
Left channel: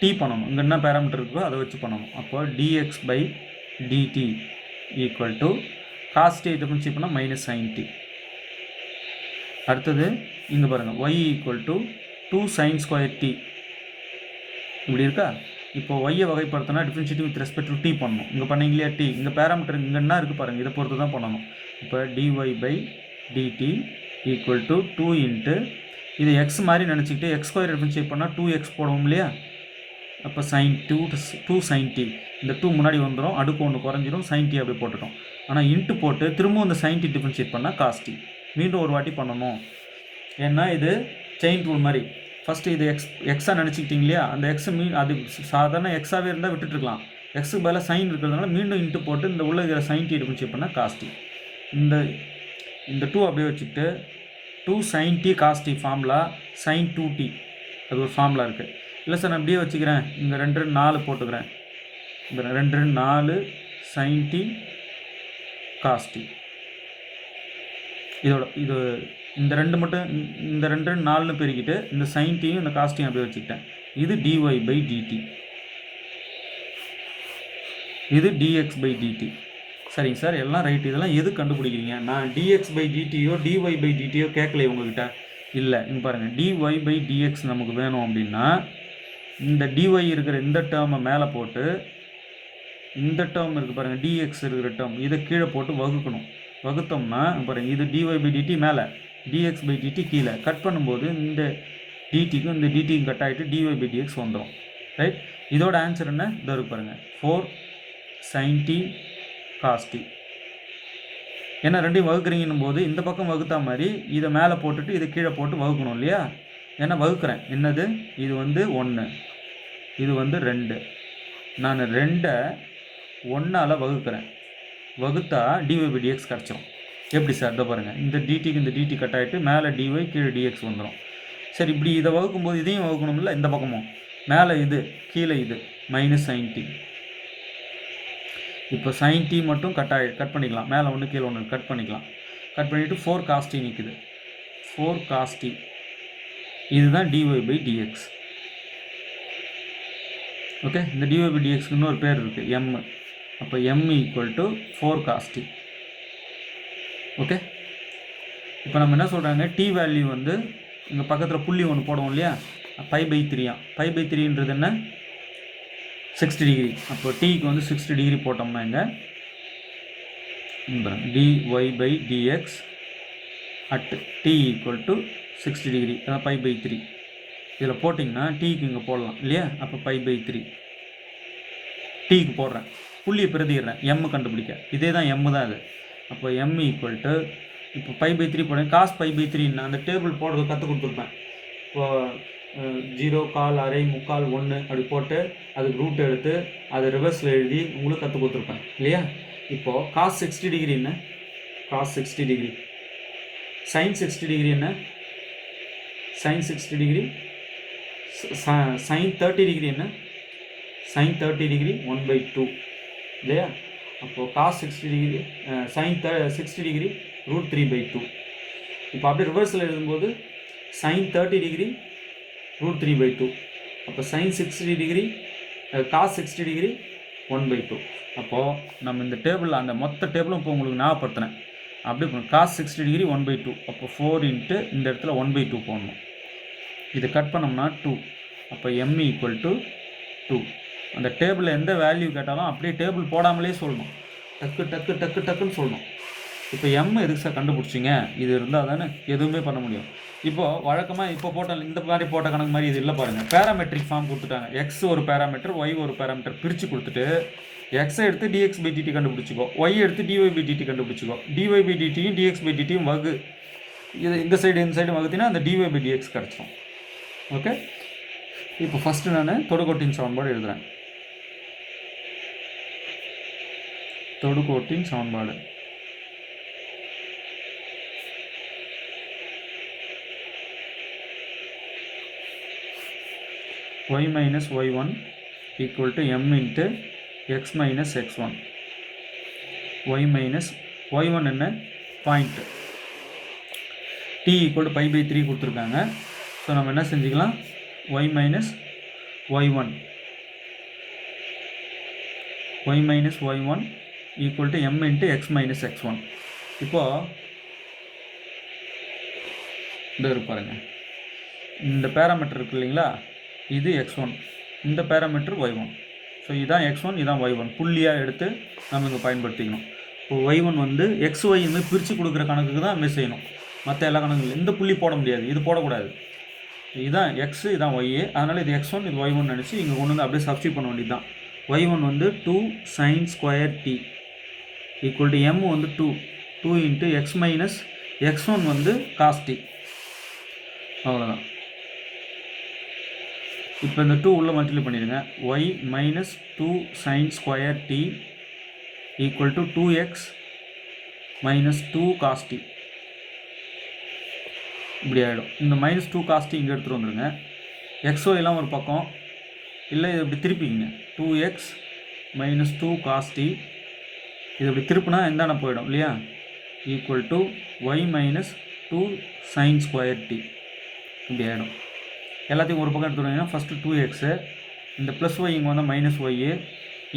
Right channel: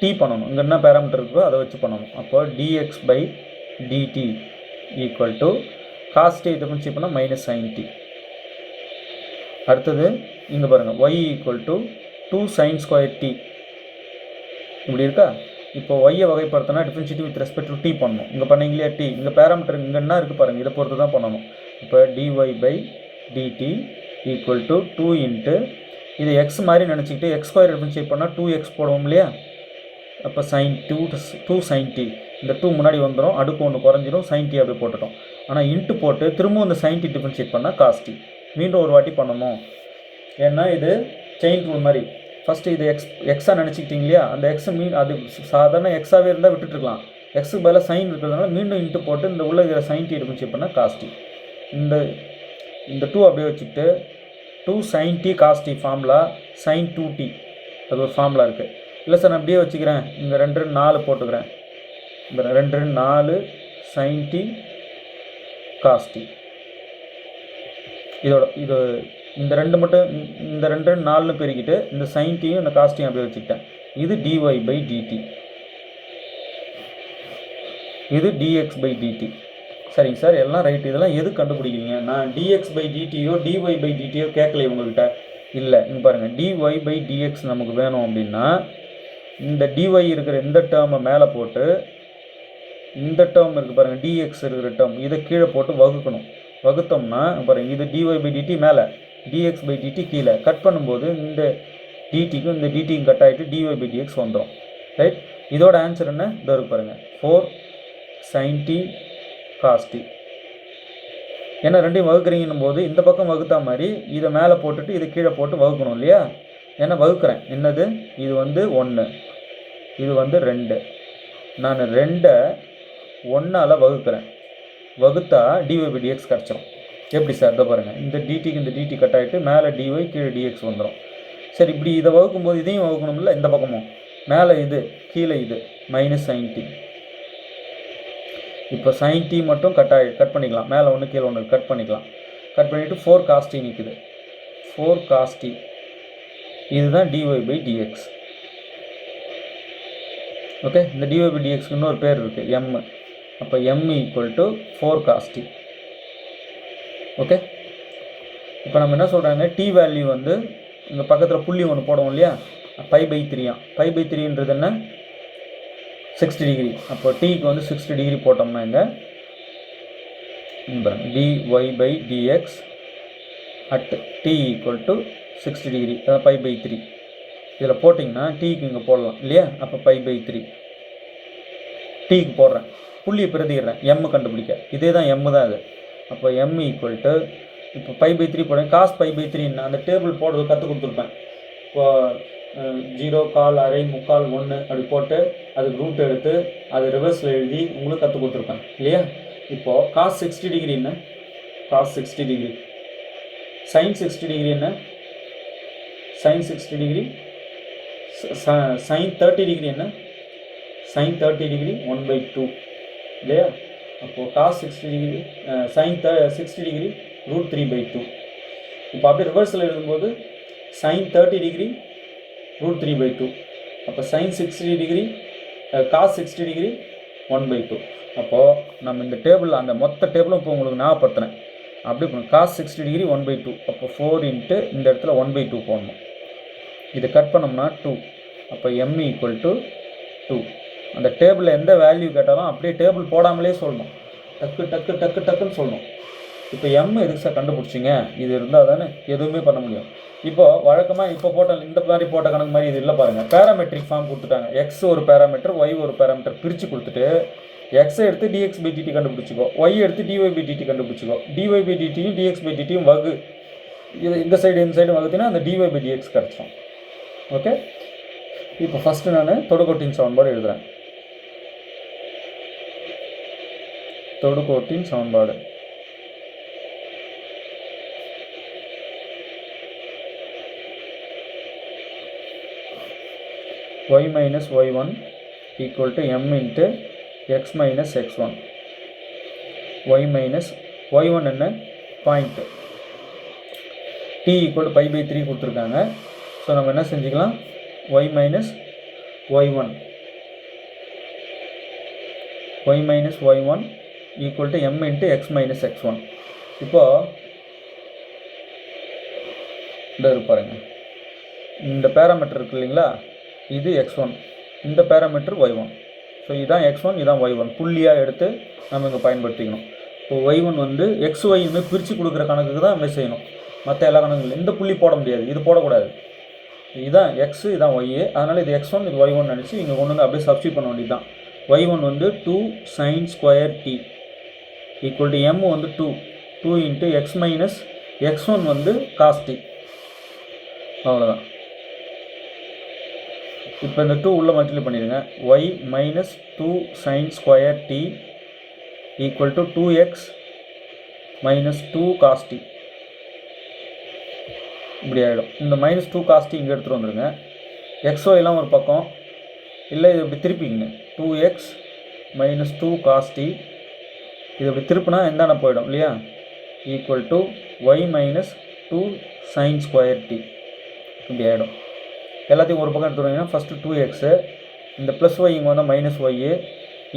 டி பண்ணணும். இங்கே என்ன பேராமீட்டர் இருக்கோ அதை வச்சு பண்ணணும். அப்போ dx by dt equal to cos t differentiate பண்ணால் மைனஸ் sin t. அடுத்தது இங்கே பாருங்கள், y equal to 2 sin square t இப்படி இருக்கா? இப்போ ஒய்யை வகைப்படுத்தினா differentiate with respect to t பண்ணணும். இங்கே பண்ணீங்களா டி, இங்கே பேராமீட்டர் இங்கே என்ன இருக்குது பாருங்கள், இதை பொறுத்து தான் பண்ணணும். இப்போ dy by dt equal to 2 into இது எக்ஸ் மாதிரி நினச்சிக்கிட்டு எக்ஸ் ஸ்கொயர் டிஃபரன்ஷியேட் பண்ணால் 2x போடுவோம் இல்லையா? அப்போ sin 2 sin t, இந்த 2 முன்னாடி வந்துடும், அடுக்கு ஒன்று குறைஞ்சிடும், sin t அப்படி போட்டுட்டோம். ஆனால் இன்ட்டு போட்டு திரும்பவும் இந்த sin t டிஃபரன்ஷியேட் பண்ணால் cos t. மீண்டும் ஒரு வாட்டி பண்ணணும். ஏன்னா இது செயின் ரூல் மாதிரி. ஃபஸ்ட்டு இது எக்ஸாக நினச்சிக்கிட்டீங்க இல்லையா, அந்த எக்ஸ் அது சாதாரண எக்ஸாகவே இருந்தால் விட்டுட்டுருக்கலாம். எக்ஸுக்கு பதிலாக சைன் இருக்கிறதுனால மீண்டும் இன்ட்டு போட்டு இந்த உள்ள இதில் சைன் டி இருக்குன்னு செக் பண்ணால் காஸ் டி. இந்த 2 அப்படியே வச்சுக்கிட்டு 2 sin t cos t formula sin 2t அது ஒரு ஃபார்முலா இருக்குது. இல்லை சார் நான் அப்படியே வச்சுக்கிறேன், இங்கே 2 4 போட்டுக்கிறேன். இந்த 2 4 sin t cos t. இது இந்த 2 மட்டும் இந்த 2 4ன்னு பெருக்கிட்டு இந்த sin tயும் இந்த cos tயும் அப்படியே வச்சுக்கிட்டேன். இது dy by dt, இது dx by dt. சரிங்க சார், எல்லாம் ரைட். இதெல்லாம் எது கண்டுபிடிக்கிறீங்க? நான் dx by dtயோ dy by dtயோ கேட்கலையே உங்கள்கிட்ட. இல்லை, இங்கே பாருங்கள், dy by dx நமக்கு வேணும் அப்படின்னா இந்த dy இருக்கிற இந்த டேர்மை மேலே போட்டு இந்த டேர்ம் இருக்குது பாருங்கள், dx இருக்கிற டேர்ம் இதை கீழே போட்டு வகுக்கணும். வகுத்தோம்னா பாருங்கள், இது dy by dt மேலே, dx by dt கீழே. கட் பண்ணும்போது இந்த dtக்கும் இந்த dtக்கும் கட் ஆகிட்டு dy by dx வந்துடும். ரைட், இதோட ஆன்சர் என்ன? இதோ இருக்கு பாருங்கள், 4 sin t cos t. ஏன்னா ரெண்டையும் வகுக்கிறீங்கன்னும் போது இந்த பக்கம் வகுத்தா மாதிரி இதை மேலே போட்டுட்டு இதை கீழே போட்டு வகுக்கணும் இல்லையா? ஏன்னா வகுக்கிறேன். என்னது? இது 1, இது 2. நான் 2 1ஆல் வகுக்கிறேன். வகுத்தா dy by dx கிடச்சிரும். எப்படி சார்? இதை பாருங்கள், இந்த dtக்கு இந்த dt கட் ஆகிட்டு மேலே dy கீழே dx வந்துடும். சரி, இப்படி இதை வகுக்கும்போது இதையும் வகுக்கணும்ல, இந்த பக்கமும் மேலே இது கீழே இது மைனஸ் sin t. இப்போ sin t மட்டும் கட் பண்ணிக்கலாம். மேலே 1 கீழே 1 கட் பண்ணிக்கலாம். கட் பண்ணிவிட்டு 4 cos t நிற்குது. 4 cos t இதுதான் dy by dx. ஓகே, இந்த dy by dxக்கு இன்னொரு பேர் இருக்குது, m. அப்போ m equal to 4 cos t. Okay, இப்போ நம்ம என்ன சொல்கிறாங்க, t வேல்யூ இங்கே பக்கத்தில் புள்ளி ஒன்று போடுவோம் இல்லையா, π/3. π/3ன்றது என்ன? 60 டிகிரி. அப்போ டீக்கு 60 டிகிரி போட்டோம்னா இங்கே dy by dx at t equal to 60 degree, அதான் π/3. இதில் போட்டிங்கன்னா டீக்கு இங்கே போடலாம் இல்லையா? அப்போ π/3 டீக்கு போடுறேன், புள்ளியை பிரதிடுறேன், m கண்டுபிடிக்க. இதே தான் m தான் அது. அப்போ m ஈக்குவல் டு இப்போ π/3 போடுறேன். cos π/3 அந்த டேபிள் போடுறது கற்றுக் கொடுத்துருப்பேன். இப்போ 0, 1/4, அரை, 3/4, 1 அப்படி போட்டு அதுக்கு ரூட் எடுத்து அது ரிவர்ஸில் எழுதி உங்களுக்கு கற்றுக் கொடுத்துருப்பேன் இல்லையா? இப்போது cos 60 டிகிரி என்ன? cos 60 degree. sin 60 டிகிரி என்ன? sin 60 degree. sin 30 டிகிரி என்ன? sin 30 டிகிரி 1/2 இல்லையா? அப்போது cos 60 டிகிரி sin 60 டிகிரி √3/2. இப்போ அப்படியே ரிவர்ஸில் எழுதும்போது sin 30 டிகிரி √3/2. அப்போ sin 60 டிகிரி cos 60 டிகிரி 1/2. அப்போது நம்ம இந்த டேபிள் அந்த மொத்த டேபிளும் இப்போ உங்களுக்கு ஞாபகப்படுத்தினேன். அப்படி cos 60 டிகிரி 1/2. அப்போ 4 இன்ட்டு இந்த இடத்துல 1/2 போடணும். இதை கட் பண்ணோம்னா 2. அப்போ m ஈக்குவல் டு 2. அந்த டேபிளில் எந்த வேல்யூ கேட்டாலும் அப்படியே டேபிள் போடாமலே சொல்லணும், டக்குன்னு சொல்லணும். இப்போ m எதுக்கு சார் கண்டுபிடிச்சிங்க? இது இருந்தால் தானே எதுவுமே பண்ண முடியும். இப்போது வழக்கமாக இப்போ போட்ட இந்த மாதிரி போட்ட கணக்கு மாதிரி இது இல்லை பாருங்கள். பேராமெட்ரிக் ஃபார்ம் கொடுத்துட்டாங்க. எக்ஸ் ஒரு பேராமீட்டர், ஒய் ஒரு பேராமீட்டர் பிரித்து கொடுத்துட்டு எக்ஸை எடுத்து dx by dt கண்டுபிடிச்சிக்கோ, ஒய் எடுத்து dy by dt கண்டுபிடிச்சிக்கோ. dy by dtயும் dx by dtயும் வகு, இது இந்த சைடு வகுத்தினா அந்த dy by dx கிடச்சிடும். ஓகே, இப்போ ஃபஸ்ட்டு நான் தொடுகோட்டின் சமன்பாடு எழுதுகிறேன். தொடுகோட்டின் சமன்பாடு y minus y1 equal to m into x minus x1. y minus y1 என்ன? பாயிண்ட். t equal to π/3 கொடுத்துருக்காங்க. ஸோ நம்ம என்ன செஞ்சுக்கலாம், y minus y1 equal to m into x minus x1. இப்போது இந்த பாருங்க, இந்த பேராமீட்டர் இருக்கு இல்லைங்களா, இது x1, இந்த பேராமீட்டர் y1. ஸோ இதுதான் x1, இதுதான் y1. புள்ளியாக எடுத்து நம்ம இங்கே பயன்படுத்திக்கணும். இப்போ y1 xy பிரித்து கொடுக்குற கணக்குக்கு தான் நம்ம செய்யணும். மற்ற எல்லா கணக்குகளும் இந்த புள்ளி போட முடியாது, இது போடக்கூடாது. இதுதான் x, இதுதான் y. அதனால் இது x1, இது y1 நினச்சி இங்கே கொண்டு அப்படியே சப்ஸ்டியூட் பண்ண வேண்டியது தான். y1 2 sin square t equal to m 2 into x minus x1 வந்து cos t. அவ்வளோதான். இப்போ இந்த 2 உள்ள மல்டிப்ளை பண்ணிடுங்க. y minus 2 sin square t equal to 2x minus 2 cos t. இப்படி ஆகிடும். இந்த மைனஸ் 2 cos t இங்கே எடுத்துகிட்டு வந்துடுங்க. xyலாம் ஒரு பக்கம், இல்லை இது இப்படி திருப்பிங்க. 2x மைனஸ் 2 cos t இது இப்படி திருப்பினா எந்தான போயிடும் இல்லையா, equal to y minus 2 sin square t. இப்படி ஆகிடும். எல்லாத்தையும் ஒரு பக்கம் எடுத்துகிட்டு ஃபஸ்ட்டு 2x, இந்த ப்ளஸ் ஒய் இங்கே வந்தால் மைனஸ் ஒய்,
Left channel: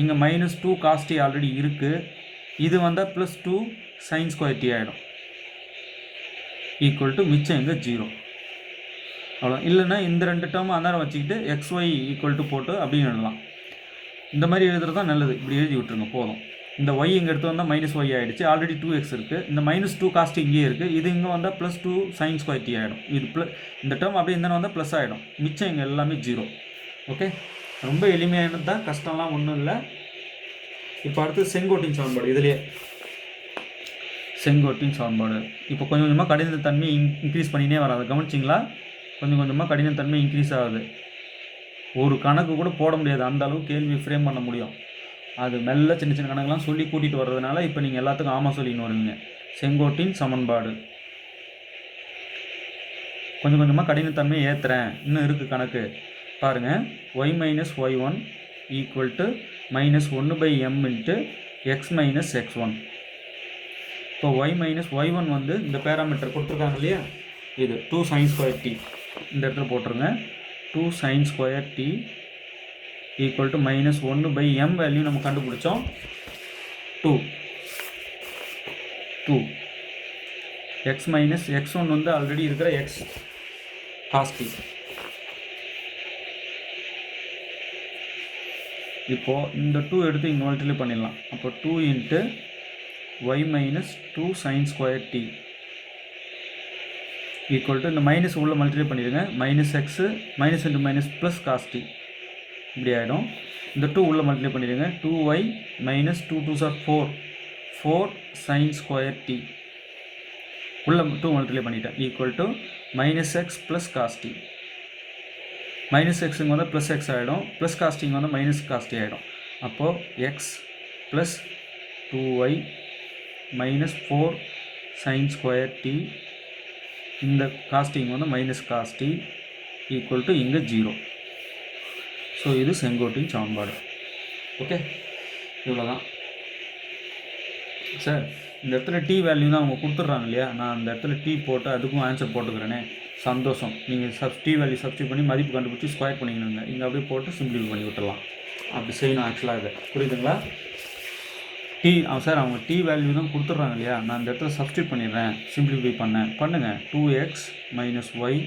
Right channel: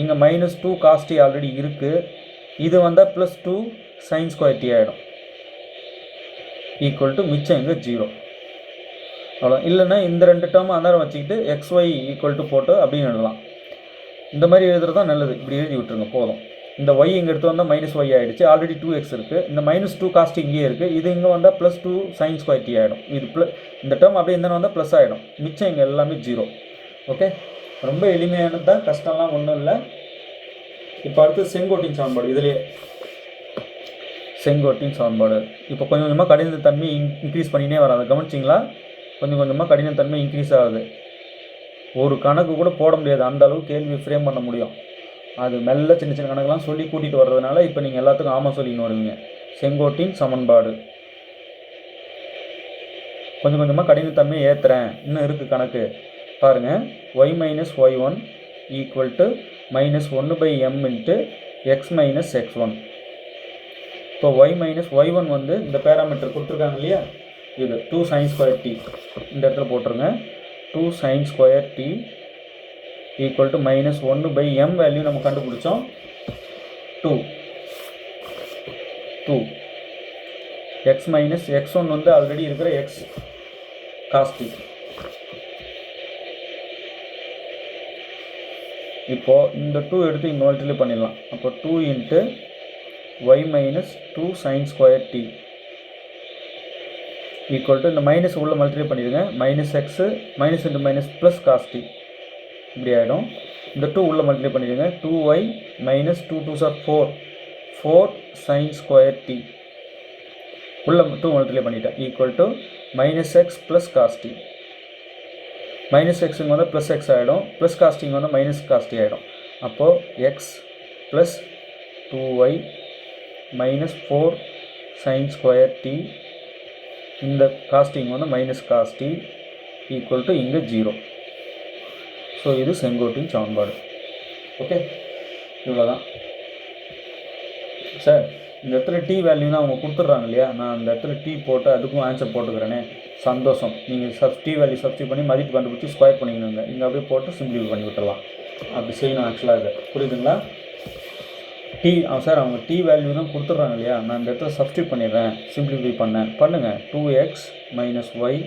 இங்கே மைனஸ் 2 cos t ஆல்ரெடி இருக்குது, இது வந்தால் ப்ளஸ் 2 sin ஸ்கொயர் t ஆகிடும். ஈக்குவல் டு மிச்சம் இங்கே 0. அவ்வளோ. இல்லைன்னா இந்த ரெண்டு டேர்ம் அந்தாரம் வச்சுக்கிட்டு xy ஈக்குவல் டு போட்டு அப்படின்னு எழுதலாம். இந்த மாதிரி எழுதுறது தான் நல்லது. இப்படி எழுதி விட்டுருங்க போதும். இந்த y இங்கே எடுத்து வந்தால் மைனஸ் ஒய் ஆகிடுச்சு, ஆல்ரெடி 2x இருக்குது, இந்த மைனஸ் 2 cos t இங்கேயே இருக்குது, இது இங்கே வந்தால் ப்ளஸ் 2 sin ஸ்கொயர் t ஆகிடும். இது இந்த டேர்ம் அப்படியே இந்த வந்தால் ப்ளஸ் ஆகிடும், மிச்சம் இங்கே எல்லாமே 0. ஓகே, ரொம்ப எளிமையானது தான், கஷ்டம்லாம் ஒன்றும் இல்லை. இப்போ அடுத்து செங்கோட்டின் சமன்பாடு. இதுலேயே செங்கோட்டின் சமன்பாடு இப்போ கொஞ்சம் கொஞ்சமாக கடினத்தன்மை இன்க்ரீஸ் பண்ணினே வராது. கவனிச்சிங்களா? கொஞ்சம் கொஞ்சமாக கடினத்தன்மை இன்க்ரீஸ் ஆகுது. ஒரு கணக்கு கூட போட முடியாது, அந்த அளவுக்கு கேள்வி ஃப்ரேம் பண்ண முடியும். அது மெல்ல சின்ன சின்ன கணக்கெல்லாம் சொல்லி கூட்டிகிட்டு வர்றதுனால இப்போ நீங்கள் எல்லாத்துக்கும் ஆமாம் சொல்லின்னு வருவீங்க. செங்கோட்டின் சமன்பாடு கொஞ்சம் கொஞ்சமாக கடினத்தன்மை ஏற்றுறேன். இன்னும் இருக்குது கணக்கு பாருங்கள். y minus y1 equal to minus 1/m into x minus x1. இப்போ y மைனஸ் y1 வந்து இந்த பேராமீட்டர் கொடுத்துருக்காங்க இல்லையா, இது 2 sin ஸ்கொயர் t இந்த இடத்துல போட்டுருங்க. 2 sin square t equal to minus 1/m value நம்ம கண்டுபிடிச்சோம் 2 எக்ஸ் மைனஸ் x1 வந்து ஆல்ரெடி இருக்கிற x cos t. இப்போது இந்த 2 எடுத்து இங்கே மல்டிப்ளை பண்ணிடலாம். அப்போ 2 into y minus 2 sin square t equal to இந்த மைனஸ் உள்ள மல்டிப்ளை பண்ணிடுங்க. Minus x minus into minus plus cos t இப்படி ஆகிடும். இந்த 2 உள்ள மல்டிப்ளை பண்ணிடுங்க. 2y minus 2 2s are 4 sin square t உள்ள 2 மல்டிப்ளை பண்ணிட்டேன் equal to minus x plus cos t. Minus எக்ஸுங்க வந்து ப்ளஸ் எக்ஸ் ஆகிடும், ப்ளஸ் காஸ்டிங் வந்து மைனஸ் காஸ்டி ஆகிடும். அப்போது x plus 2y minus 4 sin square t, இந்த காஸ்டிங் வந்து மைனஸ் காஸ்டி ஈக்குவல் டு இங்கே 0. ஸோ இது செங்கோட்டின் சமன்பாடு. ஓகே, இவ்வளோதான் சார். இந்த இடத்துல டி வேல்யூ தான் அவங்க கொடுத்துட்றாங்க இல்லையா, நான் அந்த இடத்துல டி போட்டு அதுக்கும் ஆன்சர் போட்டுக்கிறேனே, சந்தோஷம். நீங்கள் டி வேல்யூ சப்ஸ்டியூட் பண்ணி மதிப்பு கண்டுபிடிச்சி ஸ்கொயர் பண்ணிக்கணுங்க. இங்கே அப்படியே போட்டு சிம்பிளிஃபை பண்ணி விட்டுடலாம். அப்படி செய்யணும் ஆக்சுவலாக. இது புரியுதுங்களா? டி சார் அவங்க டி வேல்யூ தான் கொடுத்துட்றாங்க இல்லையா, நான் இந்த இடத்துல சப்ஸ்டியூட் பண்ணிடுறேன், சிம்பிளிஃபை பண்ணுங்கள். 2x minus Y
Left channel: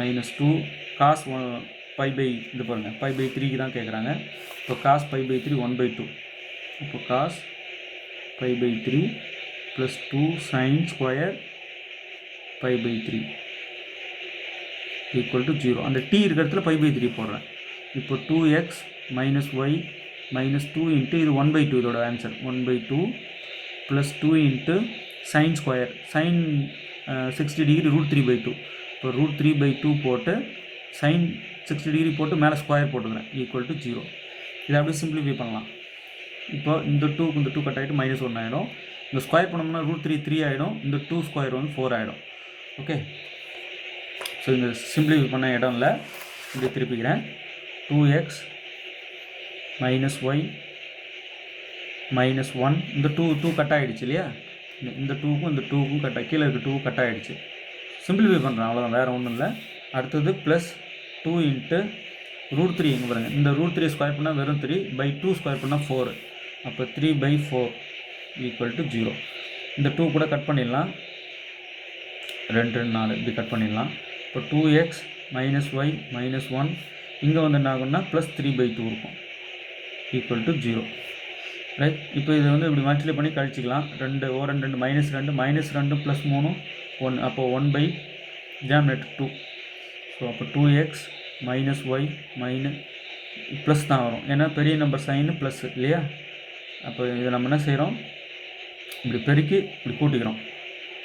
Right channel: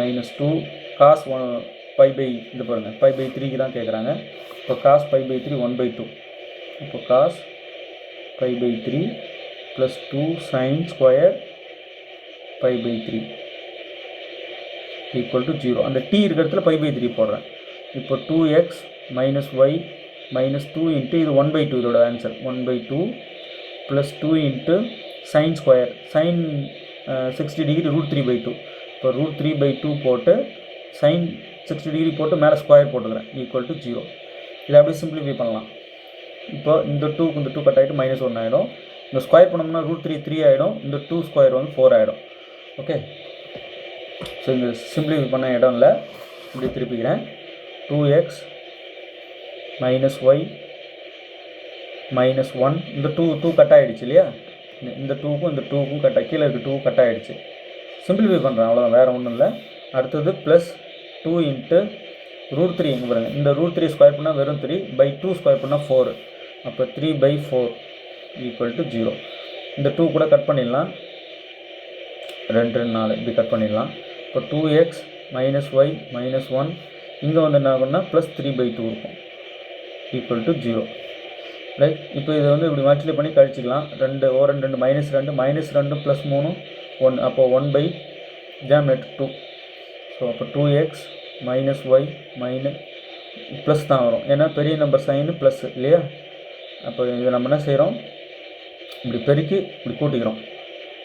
minus 2 cos 1 π/, இது பாருங்கள் π/3க்கு தான் கேட்குறாங்க. இப்போ காஸ் π/3 1/2. இப்போ cos π/3 plus 2 sin square π/3 equal to 0. அந்த டி இருக்கிறதுல π/3 போடுறேன். இப்போ 2x minus Y minus 2 into இது 1/2, இதோட answer 1/2 plus 2 into sine square, sine 60 degree √3/2. இப்போ √3/2 போட்டு சைன் 60 டிகிரி போட்டு மேலே ஸ்கொயர் போட்டுக்கிறேன் ஈக்குவல் டு 0. இதை அப்படியே சிம்பிளிஃபை பண்ணலாம். இப்போ இந்த 2க்கு இந்த 2 கட் ஆகிட்டு மைனஸ் 1 ஆகிடும். இந்த ஸ்கொயர் பண்ணோம்னா √3 ஆகிடும். இந்த 2 ஸ்கொயர் வந்து 4 ஆகிடும். ஓகே, ஸோ இந்த சிம்பிளிஃபை பண்ண இடம் இல்லை, இது திருப்பிக்கிறேன். 2x மைனஸ் ஒய் மைனஸ் 1, இந்த 2 கட் ஆகிடுச்சு இல்லையா, இந்த 2க்கும் இந்த 2க்கும் கீழே இருக்க 2 கட் ஆகிடுச்சு. சிம்பிளிஃபை பண்ணுறேன், அவ்வளோதான், வேறு ஒன்றும் இல்லை. அடுத்தது ப்ளஸ் 2 இன்ட்டு √3 எங்கே பாருங்கள், இந்த √3 ஸ்கொயர் பண்ணால் வெறும் 3/2 ஸ்கொயர் பண்ணால் 4. அப்போ 3/4 ஈக்குவல் டு 0. இந்த 2 கூட கட் பண்ணிடலாம், 2 4 இப்படி கட் பண்ணிடலாம். இப்போ 2x மைனஸ் ஒய் மைனஸ் 1 இங்கே வந்து என்ன ஆகும்னா ப்ளஸ் 3/2 இருக்கும் ஈக்குவல் டு 0. ரைட். இப்போ இதை வந்து இப்படி மல்டிப்ளை பண்ணி கழிச்சிக்கலாம். 2 மைனஸ் 2 ப்ளஸ் 3 1, அப்போ 1/2. ஸோ அப்போ 2x minus Y minus plus தான் வரும், ஏன்னா பெரிய நம்பர் சைனு ப்ளஸ் இல்லையா. அப்போ இதை நம்ம என்ன செய்கிறோம், இப்படி பெருக்கி இப்படி கூட்டிக்கிறோம்.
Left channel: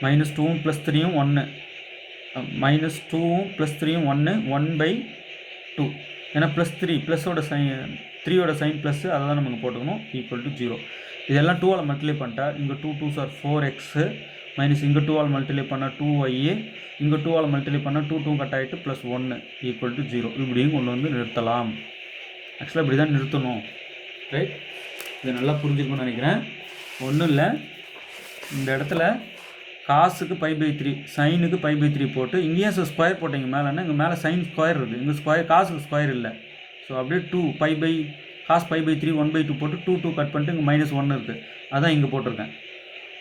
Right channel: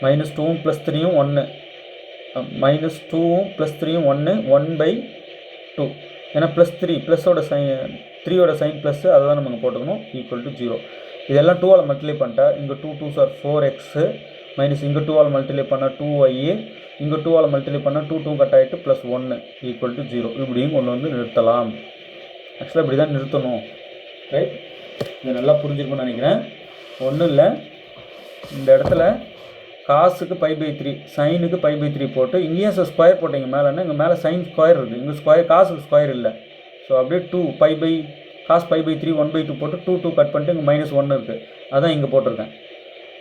மைனஸ் 2வும் ப்ளஸ் 3யும் 1, மைனஸ் 2வும் ப்ளஸ் 3யும் 1, 1/2. ஏன்னா ப்ளஸ் 3 ப்ளஸோட சைன் 3யோட சைன் ப்ளஸ் அதை தான் நம்ம போட்டுக்கணும், ஈக்குவல் டு 0. இதெல்லாம் 2ஆல் மல்டிப்ளை பண்ணிட்டா இங்கே 2 2s are 4x மைனஸ் இங்கே 2ஆல் மல்டிப்ளை பண்ணால் 2y, இங்கே 2ஆல் மல்டிப்ளை பண்ணால் 2 2 கட் ஆகிட்டு ப்ளஸ் 1 ஈக்குவல் டு 0. இப்படியும் கொண்டு வந்து நிறுத்தலாம். ஆக்சுவலாக இப்படி தான் நிறுத்தணும், ரைட்? இது நல்லா புரிஞ்சுக்கணும்னு நினைக்கிறேன். ஒன்றும் இல்லை, இந்த இடத்துல காசுக்கு π/3 சைனுக்கு π/3 போட்டு இங்கேயும் ஸ்கொயர் போட்டிங்க மேலேன்னா இங்கே மேலே சைன் ஸ்கொயர் இருக்குது, இங்கே ஸ்கொயர் காசுக்கு ஸ்கொயர் இல்லை. ஸோ அப்படியே 2 cos π/3 1/2 போட்டு 2 2 கட் பண்ணிட்டு இங்கே -1 இருக்குது, அதான் இங்கே போட்டிருக்கேன்.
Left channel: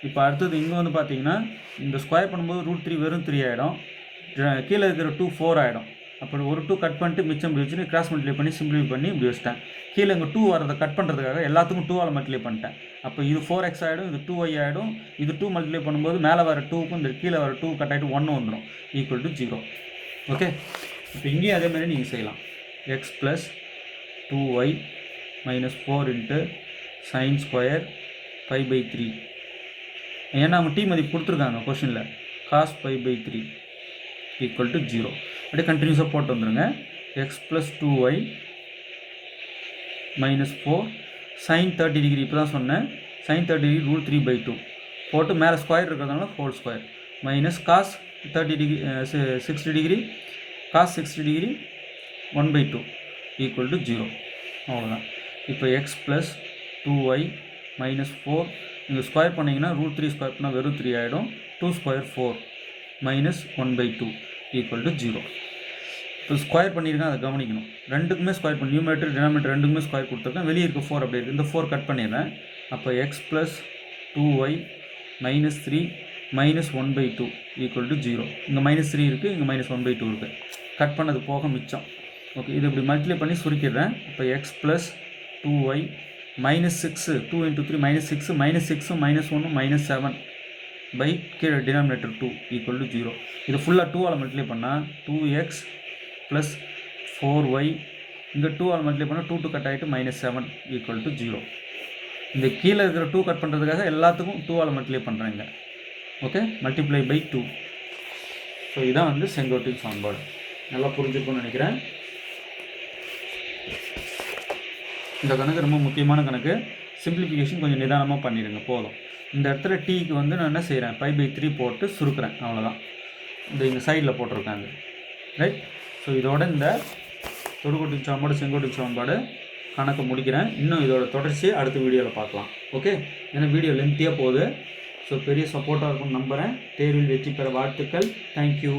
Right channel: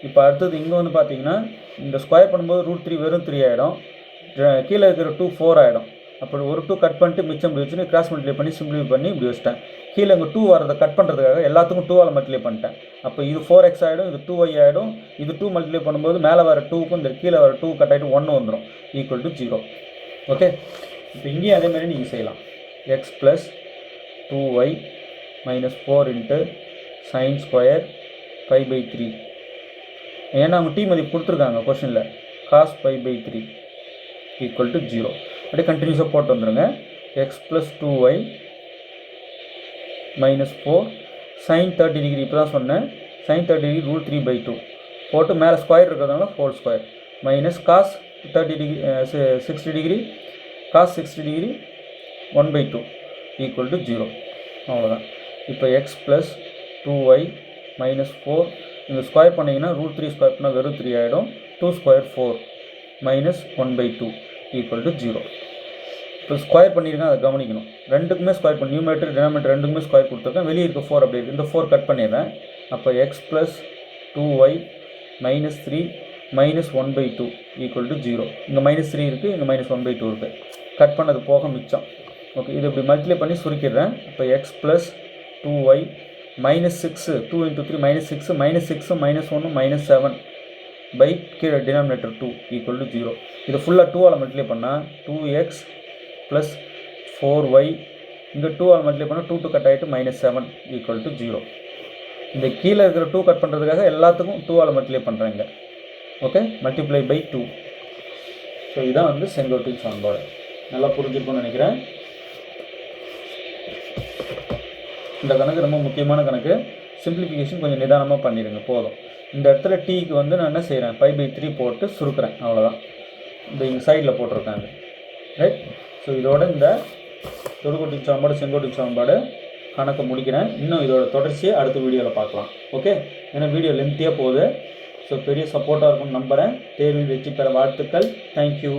இப்போ அடுத்தது இங்கே வந்து பார்த்தீங்கன்னா இந்த ஸ்கொயர் பண்ணும்போது √3 வெறும் 3 ஆகிடும், கீழே இருக்கிற 2 4 ஆகிடும். அப்படி ஒரு 2 கட் பண்ணிட்டு மிச்சம் இப்படி வச்சுன்னு கிராஸ் மல்டிப்ளை பண்ணி சிம்பிளிஃபை பண்ணி இப்படி வச்சிட்டேன். கீழே இங்கே 2 வரதை கட் பண்ணுறதுக்காக எல்லாத்துக்கும் 2ஆல் மல்டிப்ளை பண்ணிட்டேன். அப்போ இது 4x ஆகிடும், இது 2y ஆகிடும். இது 2 மல்டிப்ளை பண்ணும்போது மேலே வர 2க்கும் இந்த கீழே வர 2 கட் ஆகிட்டு 1 வந்துடும், ஈக்குவல் டு 0. ஓகே, இப்போ இங்கேயும் அதே மாதிரி நீங்கள் செய்யலாம். x + 2y - 4 × sin square π/3. ஏன்னா அவங்க மதிப்பு கொடுத்துருக்காங்க கொஷனில், cos π/3 ஈக்குவல் டு 0. அப்படியே கண்டினியூஸாக போட்டு வந்துடுங்க. x + 2y - 4 sin 30 டிகிரி, இப்போ தான் சொன்னேன், sin 30 டிகிரி √3/2 போட்டு மேலே ஸ்கொயர் இருக்கிறதுனால whole square minus cos 30 degree 60 degree cos 60 degree 1/2 equal to 0. அவ்வளோதான். இப்போ x + 2y - 4 இங்கே ஸ்கொயர் பண்ணிங்கன்னா √3 ஸ்கொயர் பண்ணால் வெறும் 3 ஆகிடும், 2 ஸ்கொயர் 4 -1/2 ஈக்குவல் டு 0. இப்போ ஸ்கொயர் பண்ணியிருக்கேன், அதை கவனிக்கணும். ரெண்டுக்குமே ஸ்கொயர் பண்ணி நியூமரேட்டர் டினாமினேட்டர் ரெண்டுக்குமே ஸ்கொயர் கொடுத்துருக்கேன். வெளியே இருக்க 4 அப்படி இருக்குது, இந்த 4 கட் பண்ணிடுறேன். அப்போ x + 2y - 3 -1/2 ஈக்குவல் டு 0. இங்கே -3 இருக்குது, இங்கே -1/2 இருக்குது. கட் பண்ணது போக மிச்சம். ஓகே, இது இப்படி மல்டிப்ளை பண்ணி சுருக்கிடுறேன். இப்போ x + 2y -6 2 × 3 -6 -6 -1 -7 பை கீழே டினாமினேட்டர் 2 ஈக்குவல் டு 0. இது ஃபுல்லாக 2ஆல் மல்டிப்ளை பண்ணால் 2x + 4y, இங்கே 2ஆல் மல்டிப்ளை பண்ணால் 2 2 கட் ஆகிட்டு -7 ஈக்குவல் டு 0. இந்த கீழே இருக்கிற 2 கட் பண்ணுறதுக்காக எல்லாத்துக்கும் 2ஆல் மல்டிப்ளை பண்ணுறேங்க. Okay, multiply by 2. ஸோ இதான் வந்து செங்கோட்டின் சமன்பாடு. நல்லா புரிஞ்சிருக்கும்னு நினைக்கிறேன். இந்த கணக்கு ரொம்ப முக்கியமான கணக்கு. சிம்பிளிஃபிகேஷன் கொஞ்சம் நிதானமாக பண்ணிடுங்க போதும். இந்த இடத்துல டீக்கு வந்து நான் என்ன செய்கிறேன், π/3 போட்டு சுருக்கிறேன், அவ்வளோதான். இந்த இங்கே சைடில் போட்டிருக்காங்க, ரைட்? ஸோ இதோட இந்த தொடுகோட்டின் சமன்பாடு செங்கோட்டின் சமன்பாடு கணக்கு முடிக்கிறேன். இன்னும் இதோட தொடர்ச்சியை அடுத்த வீடியோவில் பார்க்கலாம். ஓகே, ஏன்னா வீடியோ லென்த்தியாக போகுது. ஸோ பெரிய சப்போர்ட்டாக இருக்கும்னு நம்புகிறேன். தேர்வில் வெற்றி பெற வாழ்த்துக்கள். தேங்க்யூ.